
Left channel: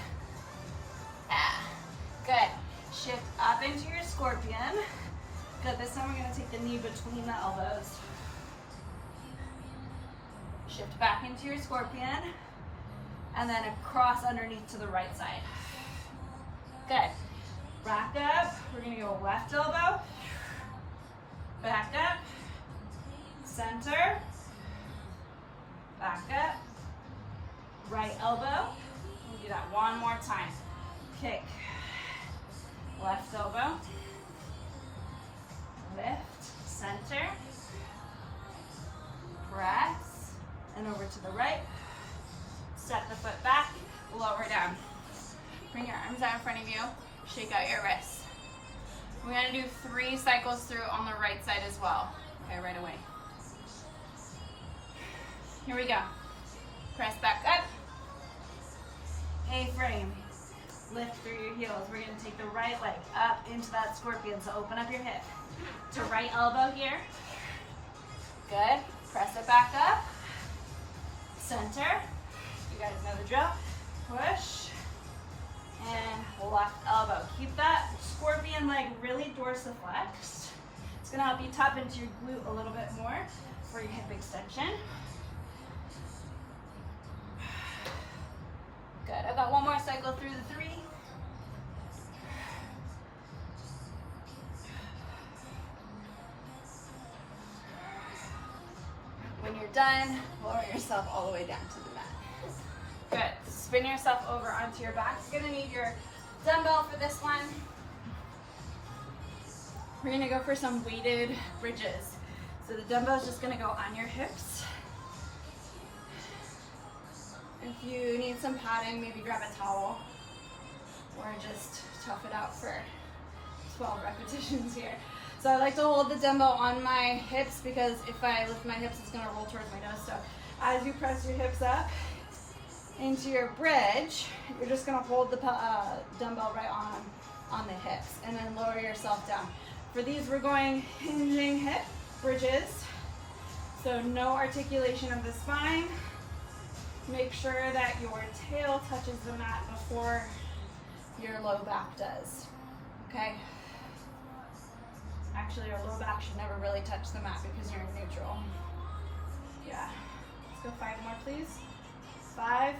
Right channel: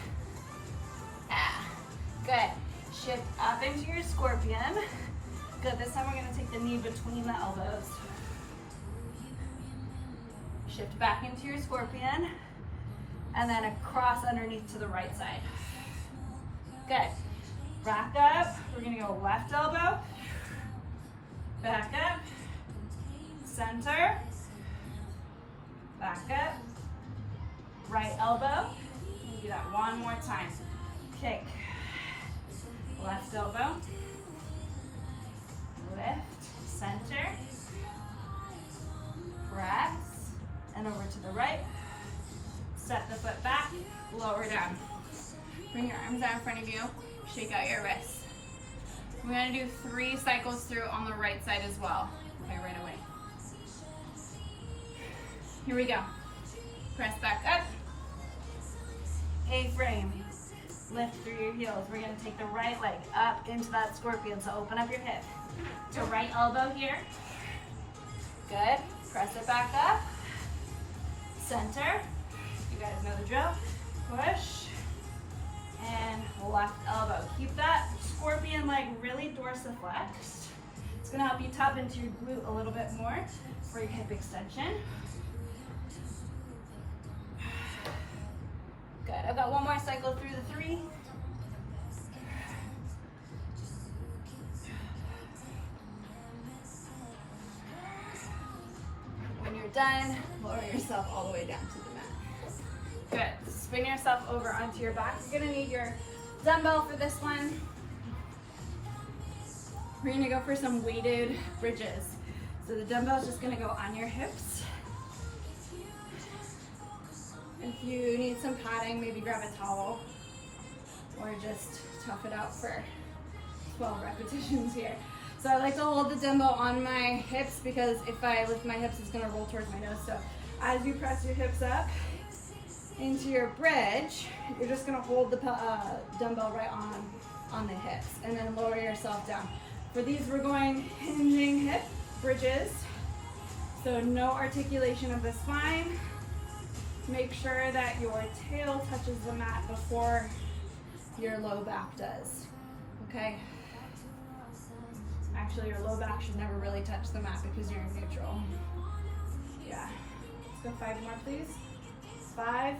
Good. Shift up into your scorpion. Good, this time we're gonna take the knee between the elbows. Shift back into your scorpion and then across underneath to the right side. Good. Back up, we're gonna go left elbow, Back up, center, back up, right elbow. Do that one more time. Kick, left elbow, lift, center, press, and over to the right. Set the foot back, lower down. Bring your arms out in front of you, shake out your wrists. We're going to do 3 cycles through on the right side as well. Okay, right away. Here we go. Press back up. A-frame. Lift through your heels. We're going to take the right leg up into that scorpion, so open up your hip. To right elbow here. Good. Press it back up. Center. You guys know the drill. Push. And left elbow. Keep that scorpion leg really dorsiflexed. It's going to help you tap into your glute a little bit more for your hip extension. Good. I've got one more cycle through the 3. When you're done, lower yourself all the way down to the mat. Good. Spin yourself over onto your back. You're going to need your dumbbell for this one. We're going to go for some weighted bridges. So the dumbbell is just going to go on your hips. If you need some padding, maybe grab a towel or just tough it out for 12 repetitions here. So I like to hold the dumbbell on my hips because if I lift my hips, it's going to roll towards my nose. So as you press your hips up into your bridge, you're just going to hold the dumbbell right on the hips and then lower yourself down. For these, we're going hinging hip bridges. So no articulation of the spine. Make sure that your tail touches the mat before your low back does, okay? Actually, your low back should never really touch the mat because you're in neutral. Yeah. Let's go 5 more, please. 5,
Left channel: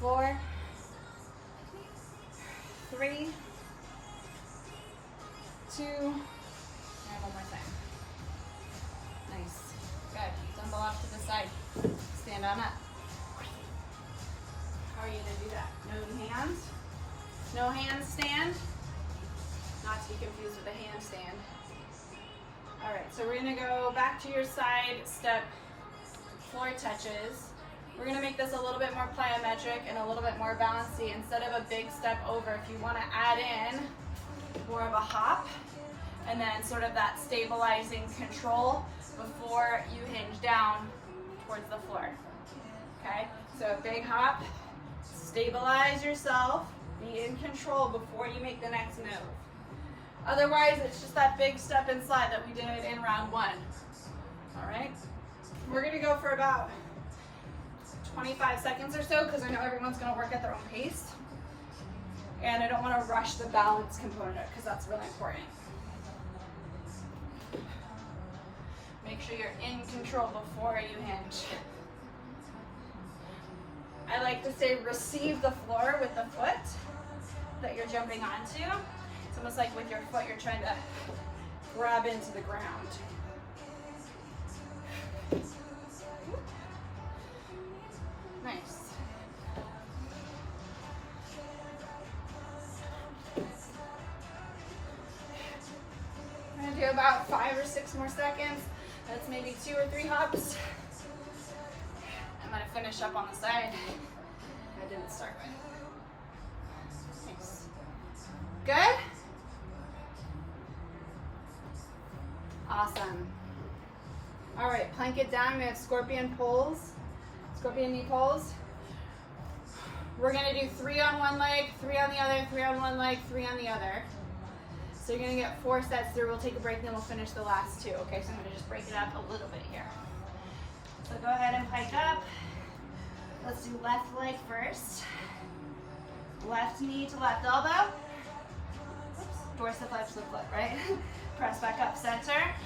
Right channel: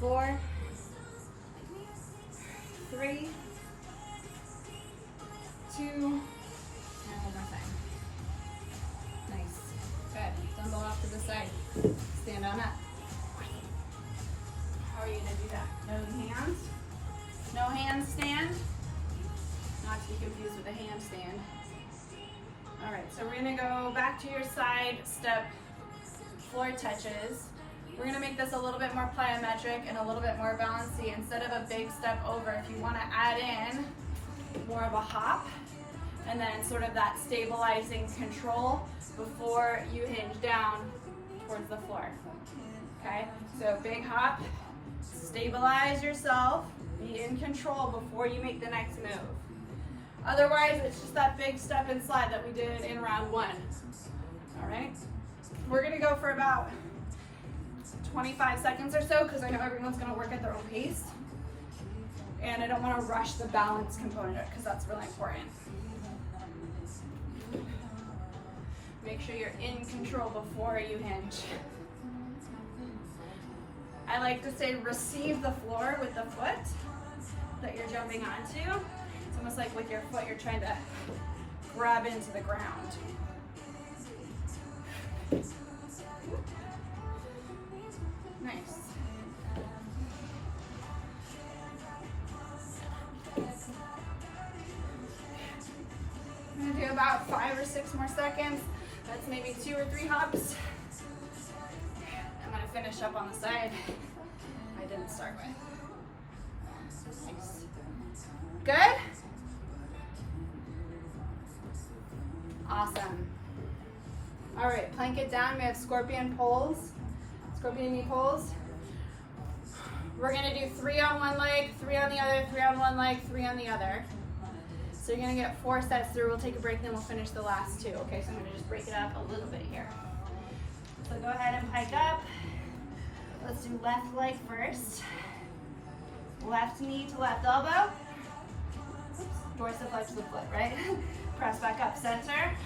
4, 3, 2, and one more time. Nice. Good. Dumbbell off to the side. Stand on up. How are you to do that? No hands? No handstand? Not to be confused with a handstand. All right, so we're gonna go back to your side step floor touches. We're gonna make this a little bit more plyometric and a little bit more bouncy. Instead of a big step over, if you wanna add in more of a hop and then sort of that stabilizing control before you hinge down towards the floor, okay? So big hop, stabilize yourself, be in control before you make the next move. Otherwise, it's just that big step and slide that we did in round 1, all right? We're gonna go for about 25 seconds or so because I know everyone's gonna work at their own pace. And I don't wanna rush the balance component because that's really important. Make sure you're in control before you hinge. I like to say receive the floor with the foot that you're jumping onto. It's almost like with your foot you're trying to grab into the ground. Nice. I'm going to do about 5 or 6 more seconds. That's maybe 2 or 3 hops. I'm going to finish up on the side I didn't start with. Nice. Good? Awesome. All right, plank it down. We have scorpion pulls, scorpion knee pulls. We're going to do 3 on one leg, 3 on the other, 3 on one leg, 3 on the other. So you're going to get 4 sets through. We'll take a break, then we'll finish the last 2. Okay, so I'm going to just break it up a little bit here. So go ahead and pike up. Let's do left leg first. Left knee to left elbow. Dorsiflex the foot, right? Press back up, center.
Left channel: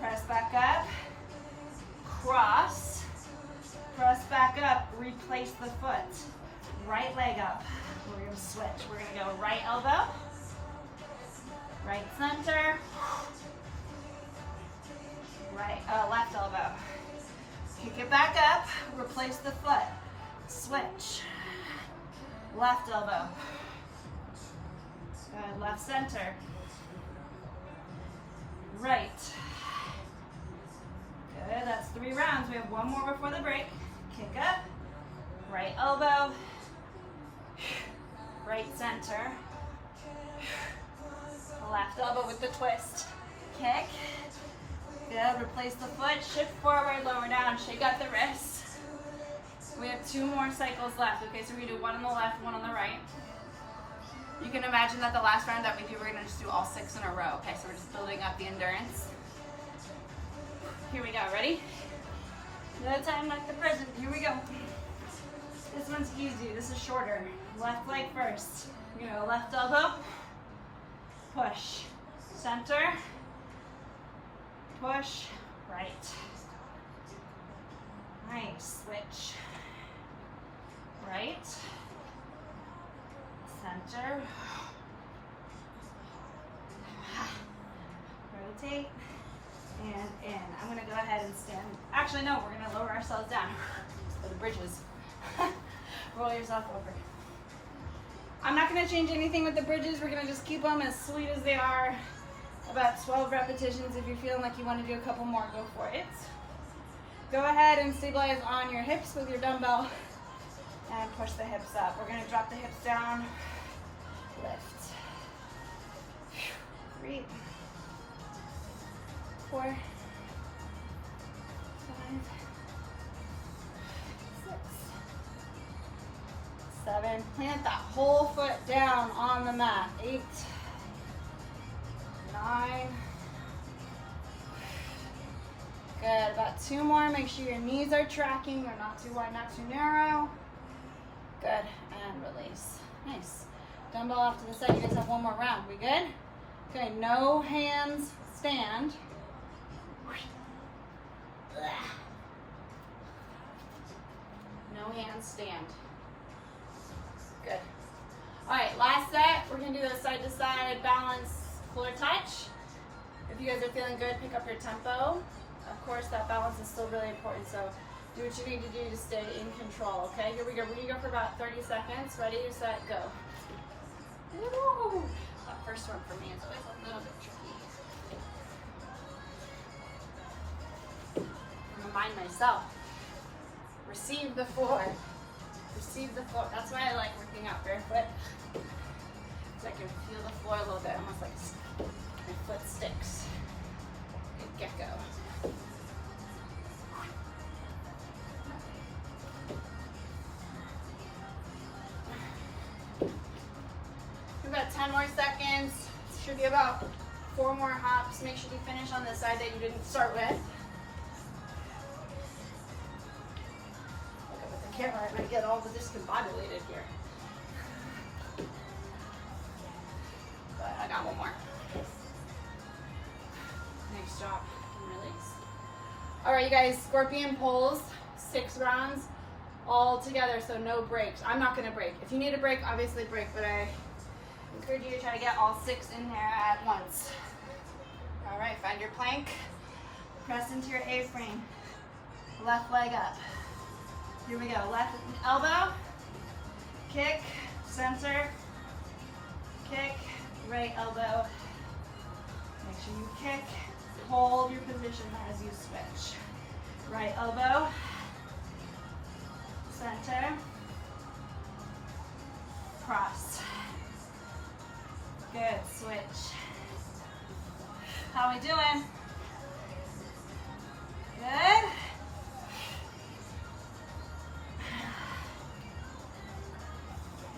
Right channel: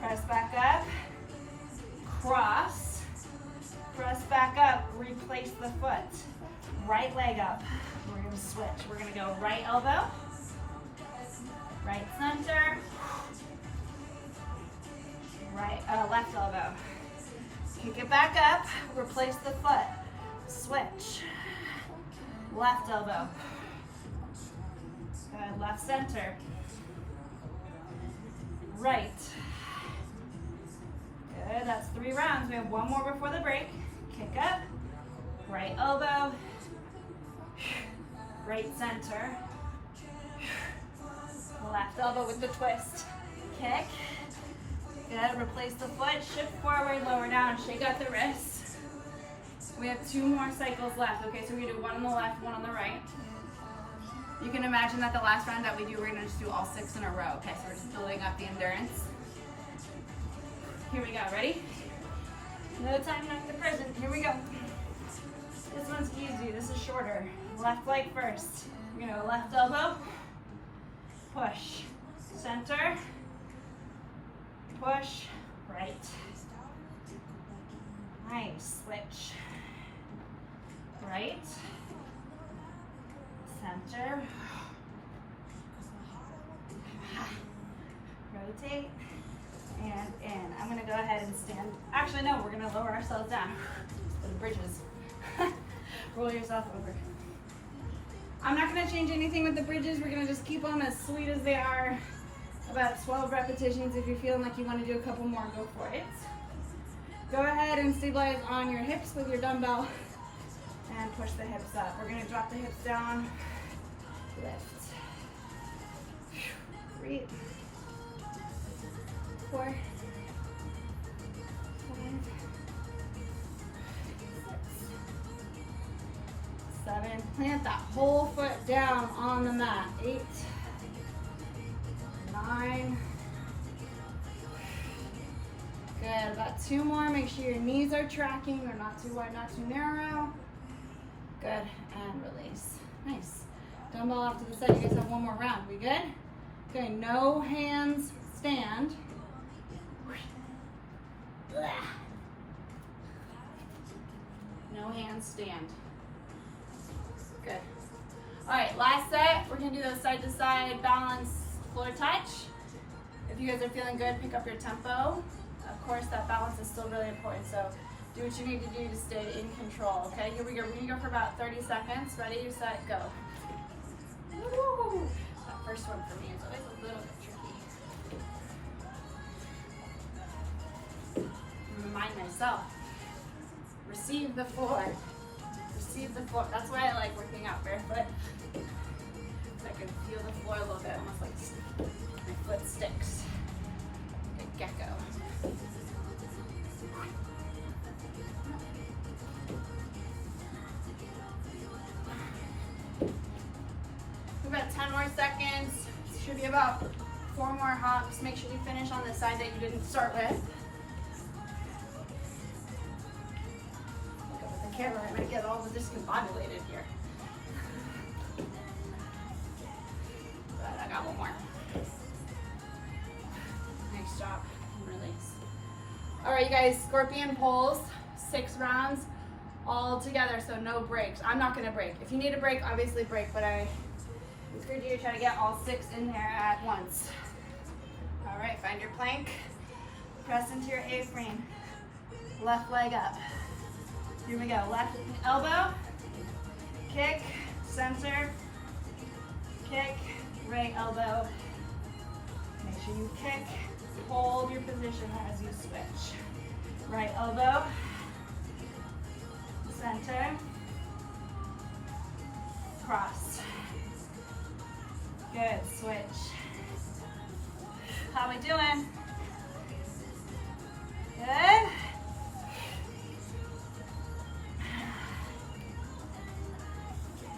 Press back up. Cross. Press back up, replace the foot. Right leg up. We're going to switch. We're going to go right elbow. Right center. Left elbow. Kick it back up, replace the foot. Switch. Left elbow. Good, left center. Right. Good, that's 3 rounds. We have 1 more before the break. Kick up, right elbow, right center, left elbow with the twist. Kick. Good, replace the foot, shift forward, lower down, shake out the wrist. We have 2 more cycles left. Okay, so we do 1 on the left, 1 on the right. You can imagine that the last round that we do, we're gonna just do all 6 in a row. Okay, so we're just building up the endurance. Here we go, ready? No time like the present, here we go. This one's easy, this is shorter. Left leg first. You're gonna go left elbow, push, center, push, right. Nice, switch. Right, center, rotate, and in. I'm gonna go ahead and stand. Actually, no, we're gonna lower ourselves down for the bridges. Roll yourself over. I'm not gonna change anything with the bridges. We're gonna just keep them as sweet as they are. About 12 repetitions. If you're feeling like you wanna do a couple more, go for it. Go ahead and stabilize on your hips with your dumbbell and push the hips up. We're gonna drop the hips down, lift. 3, 4, 5, 6, 7. Plant that whole foot down on the mat. 8, 9. Good, about 2 more. Make sure your knees are tracking. They're not too wide, not too narrow. Good, and release. Nice. Dumbbell off to the side. You guys have 1 more round. We good? Okay, no hands, stand. No hands, stand. Good. All right, last set. We're gonna do those side to side balance floor touch. If you guys are feeling good, pick up your tempo. Of course, that balance is still really important, so do what you need to do to stay in control, okay? Here we go. We're gonna go for about 30 seconds. Ready, set, go. Woo! That first one for me is always a little bit tricky. Remind myself. Receive the floor. Receive the floor. That's why I like working out barefoot. So I can feel the floor a little bit, almost like my foot sticks. Good gecko. About 10 more seconds. Should be about 4 more hops. Make sure you finish on the side that you didn't start with. Look up at the camera, I might get all discombobulated here. But I got 1 more. Nice job. And release. All right, you guys, scorpion pulls, 6 rounds all together, so no breaks. I'm not gonna break. If you need a break, obviously break, but I encourage you to try to get all 6 in there at once. All right, find your plank. Press into your A-frame. Left leg up. Here we go. Left elbow. Kick. Center. Kick. Right elbow. Make sure you kick. Hold your position as you switch. Right elbow. Center. Cross. Good, switch. How we doing? Good.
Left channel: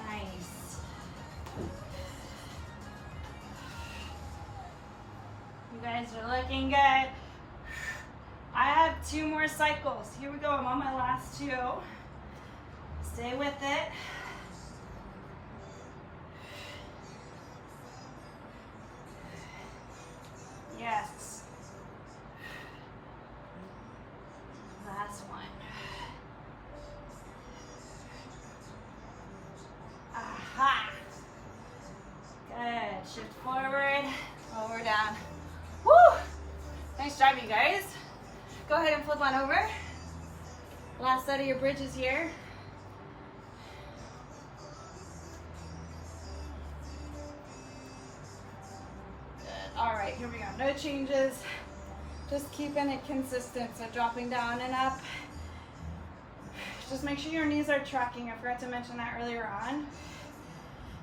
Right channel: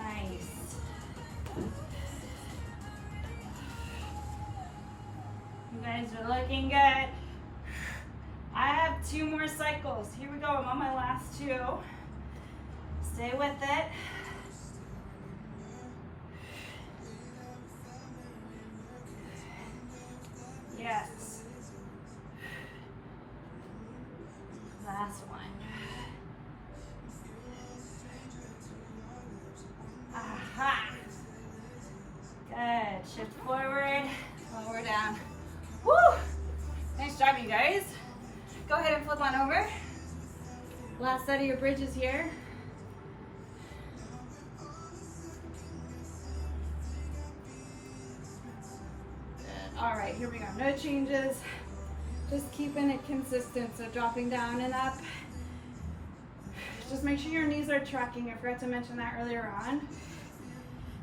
Nice. You guys are looking good. I have 2 more cycles. Here we go, I'm on my last 2. Stay with it. Yes. Last one. Aha. Good. Shift forward. Nice job, you guys. Go ahead and flip on over. Last set of your bridges here. Good. All right, here we go. No changes. Just keeping it consistent. So dropping down and up. Just make sure your knees are tracking. I forgot to mention that earlier on.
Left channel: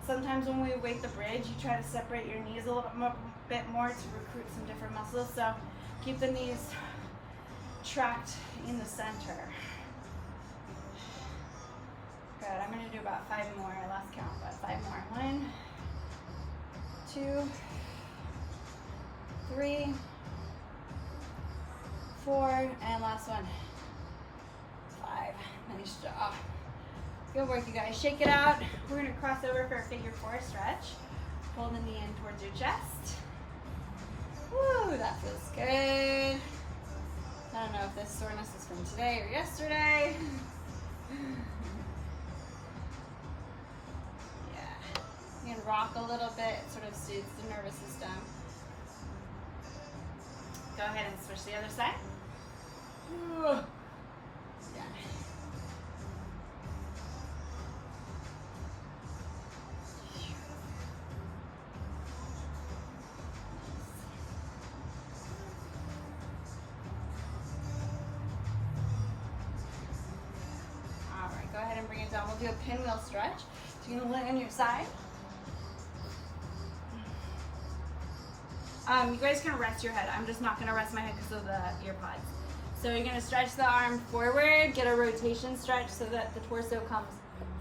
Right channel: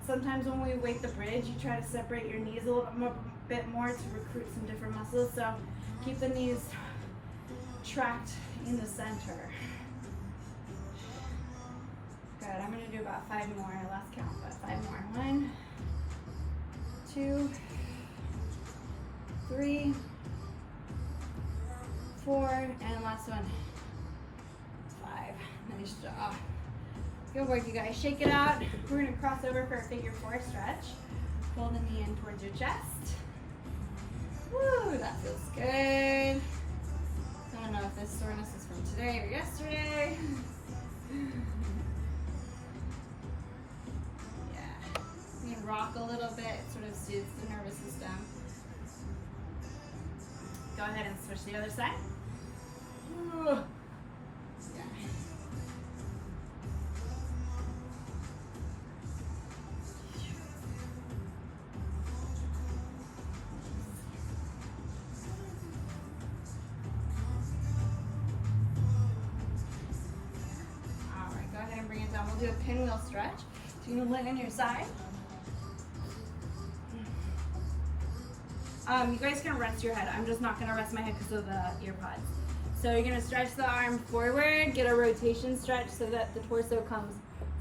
Sometimes when we weight the bridge, you try to separate your knees a little bit more to recruit some different muscles. So keep the knees tracked in the center. Good. I'm going to do about 5 more. Last count, but 5 more. 1, 2, 3, 4, and last one. 5. Nice job. Good work, you guys. Shake it out. We're going to cross over for a figure 4 stretch. Holding the knee in towards your chest. Woo, that feels good. I don't know if this soreness is from today or yesterday. Yeah. You can rock a little bit. It sort of soothes the nervous system. Go ahead and switch the other side. Ooh. We'll do a pinwheel stretch. So you're gonna lay on your side. You guys can rest your head. I'm just not gonna rest my head because of the ear pods. So you're gonna stretch the arm forward, get a rotation stretch so that the torso comes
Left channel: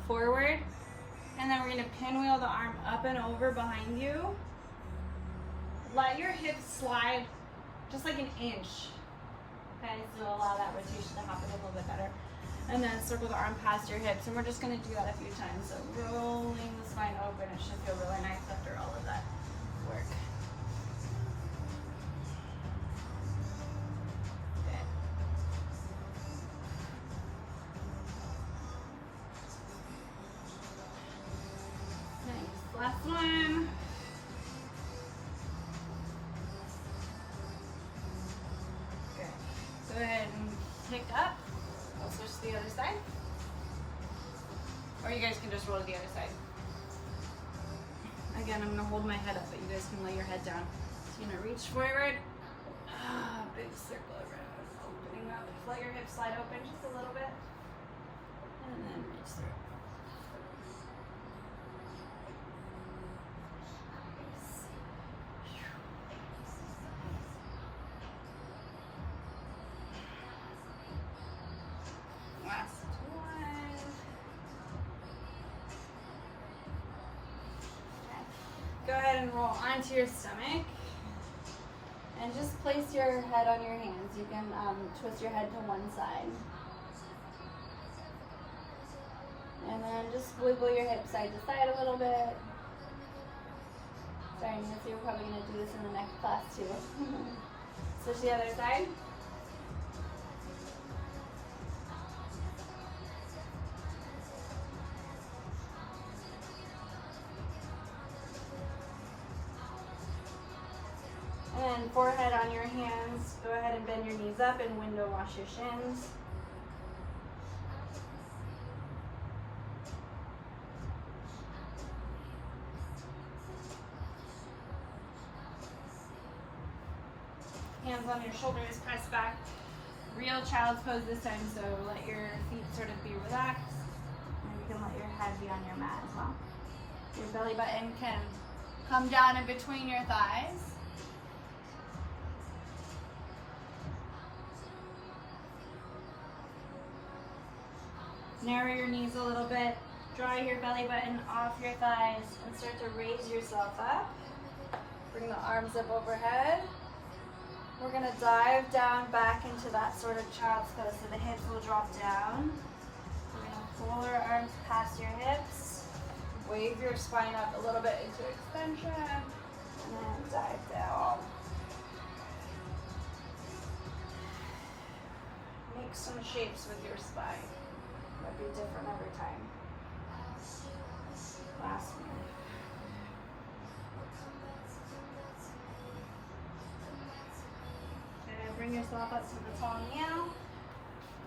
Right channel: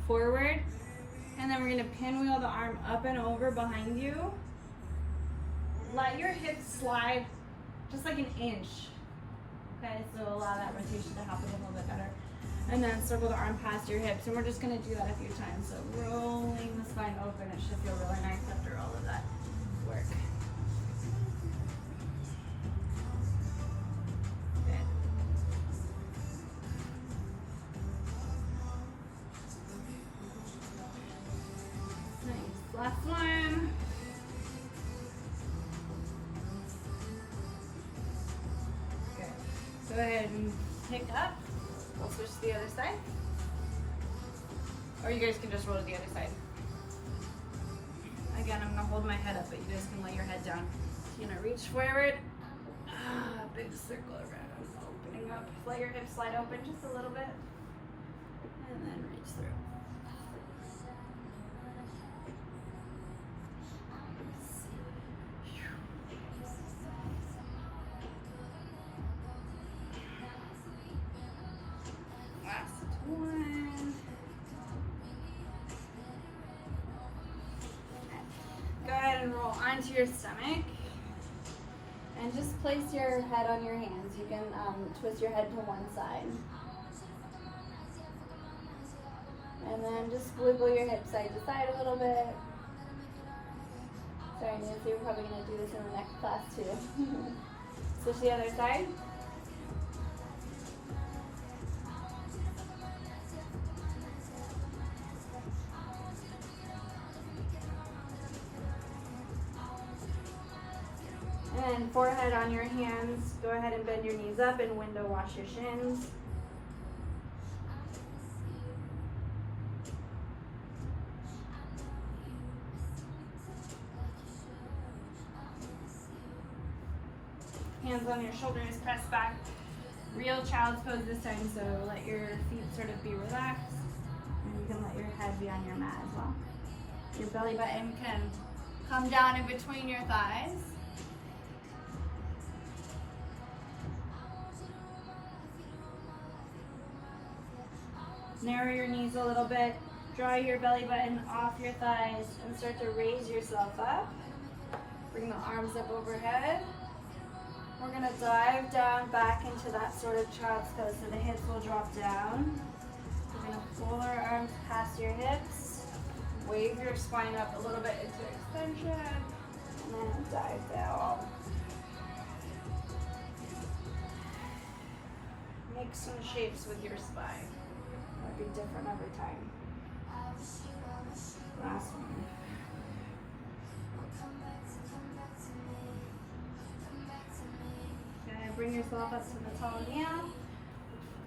forward. And then we're gonna pinwheel the arm up and over behind you. Let your hips slide just like an inch. Okay, so allow that rotation to happen a little bit better. And then circle the arm past your hips. And we're just going to do that a few times. So rolling the spine open. It should feel really nice after all of that work. Good. Nice. Last one. Good. Go ahead and pick up. We'll switch to the other side. Or you guys can just roll to the other side. Again, I'm gonna hold my head up, but you guys can lay your head down. So you're gonna reach forward. Big circle around, opening up. Let your hips slide open just a little bit. And then reach through. Roll onto your stomach and just place your head on your hands. You can twist your head to one side and then just wiggle your hips side to side a little bit. Sorry Nancy, we're probably going to do this in the next class too. Switch the other side. And forehead on your hands. Go ahead and bend your knees up and window wash your shins. Hands on your shoulders, press back. Real child's pose this time, so let your feet sort of be relaxed. And you can let your head be on your mat as well. Your belly button can come down in between your thighs. Narrow your knees a little bit, draw your belly button off your thighs, and start to raise yourself up. Bring the arms up overhead. We're going to dive down back into that sort of child's pose, so the hips will drop down. We're going to pull our arms past your hips, wave your spine up a little bit into extension, and then dive down. Make some shapes with your spine. Might be different every time. Last one. Good. bring yourself up to the tall meow.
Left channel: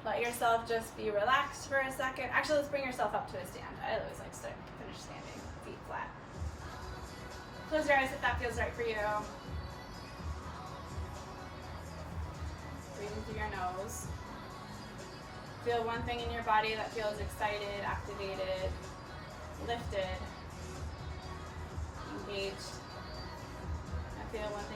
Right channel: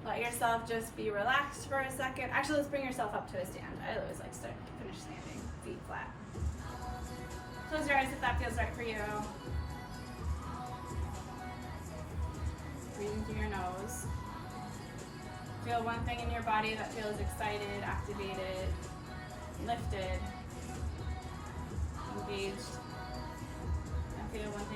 Let yourself just be relaxed for a second. Actually, let's bring yourself up to a stand. I always like to finish standing, feet flat. Close your eyes if that feels right for you. Breathing through your nose. Feel one thing in your body that feels excited, activated, lifted, engaged. And feel one thing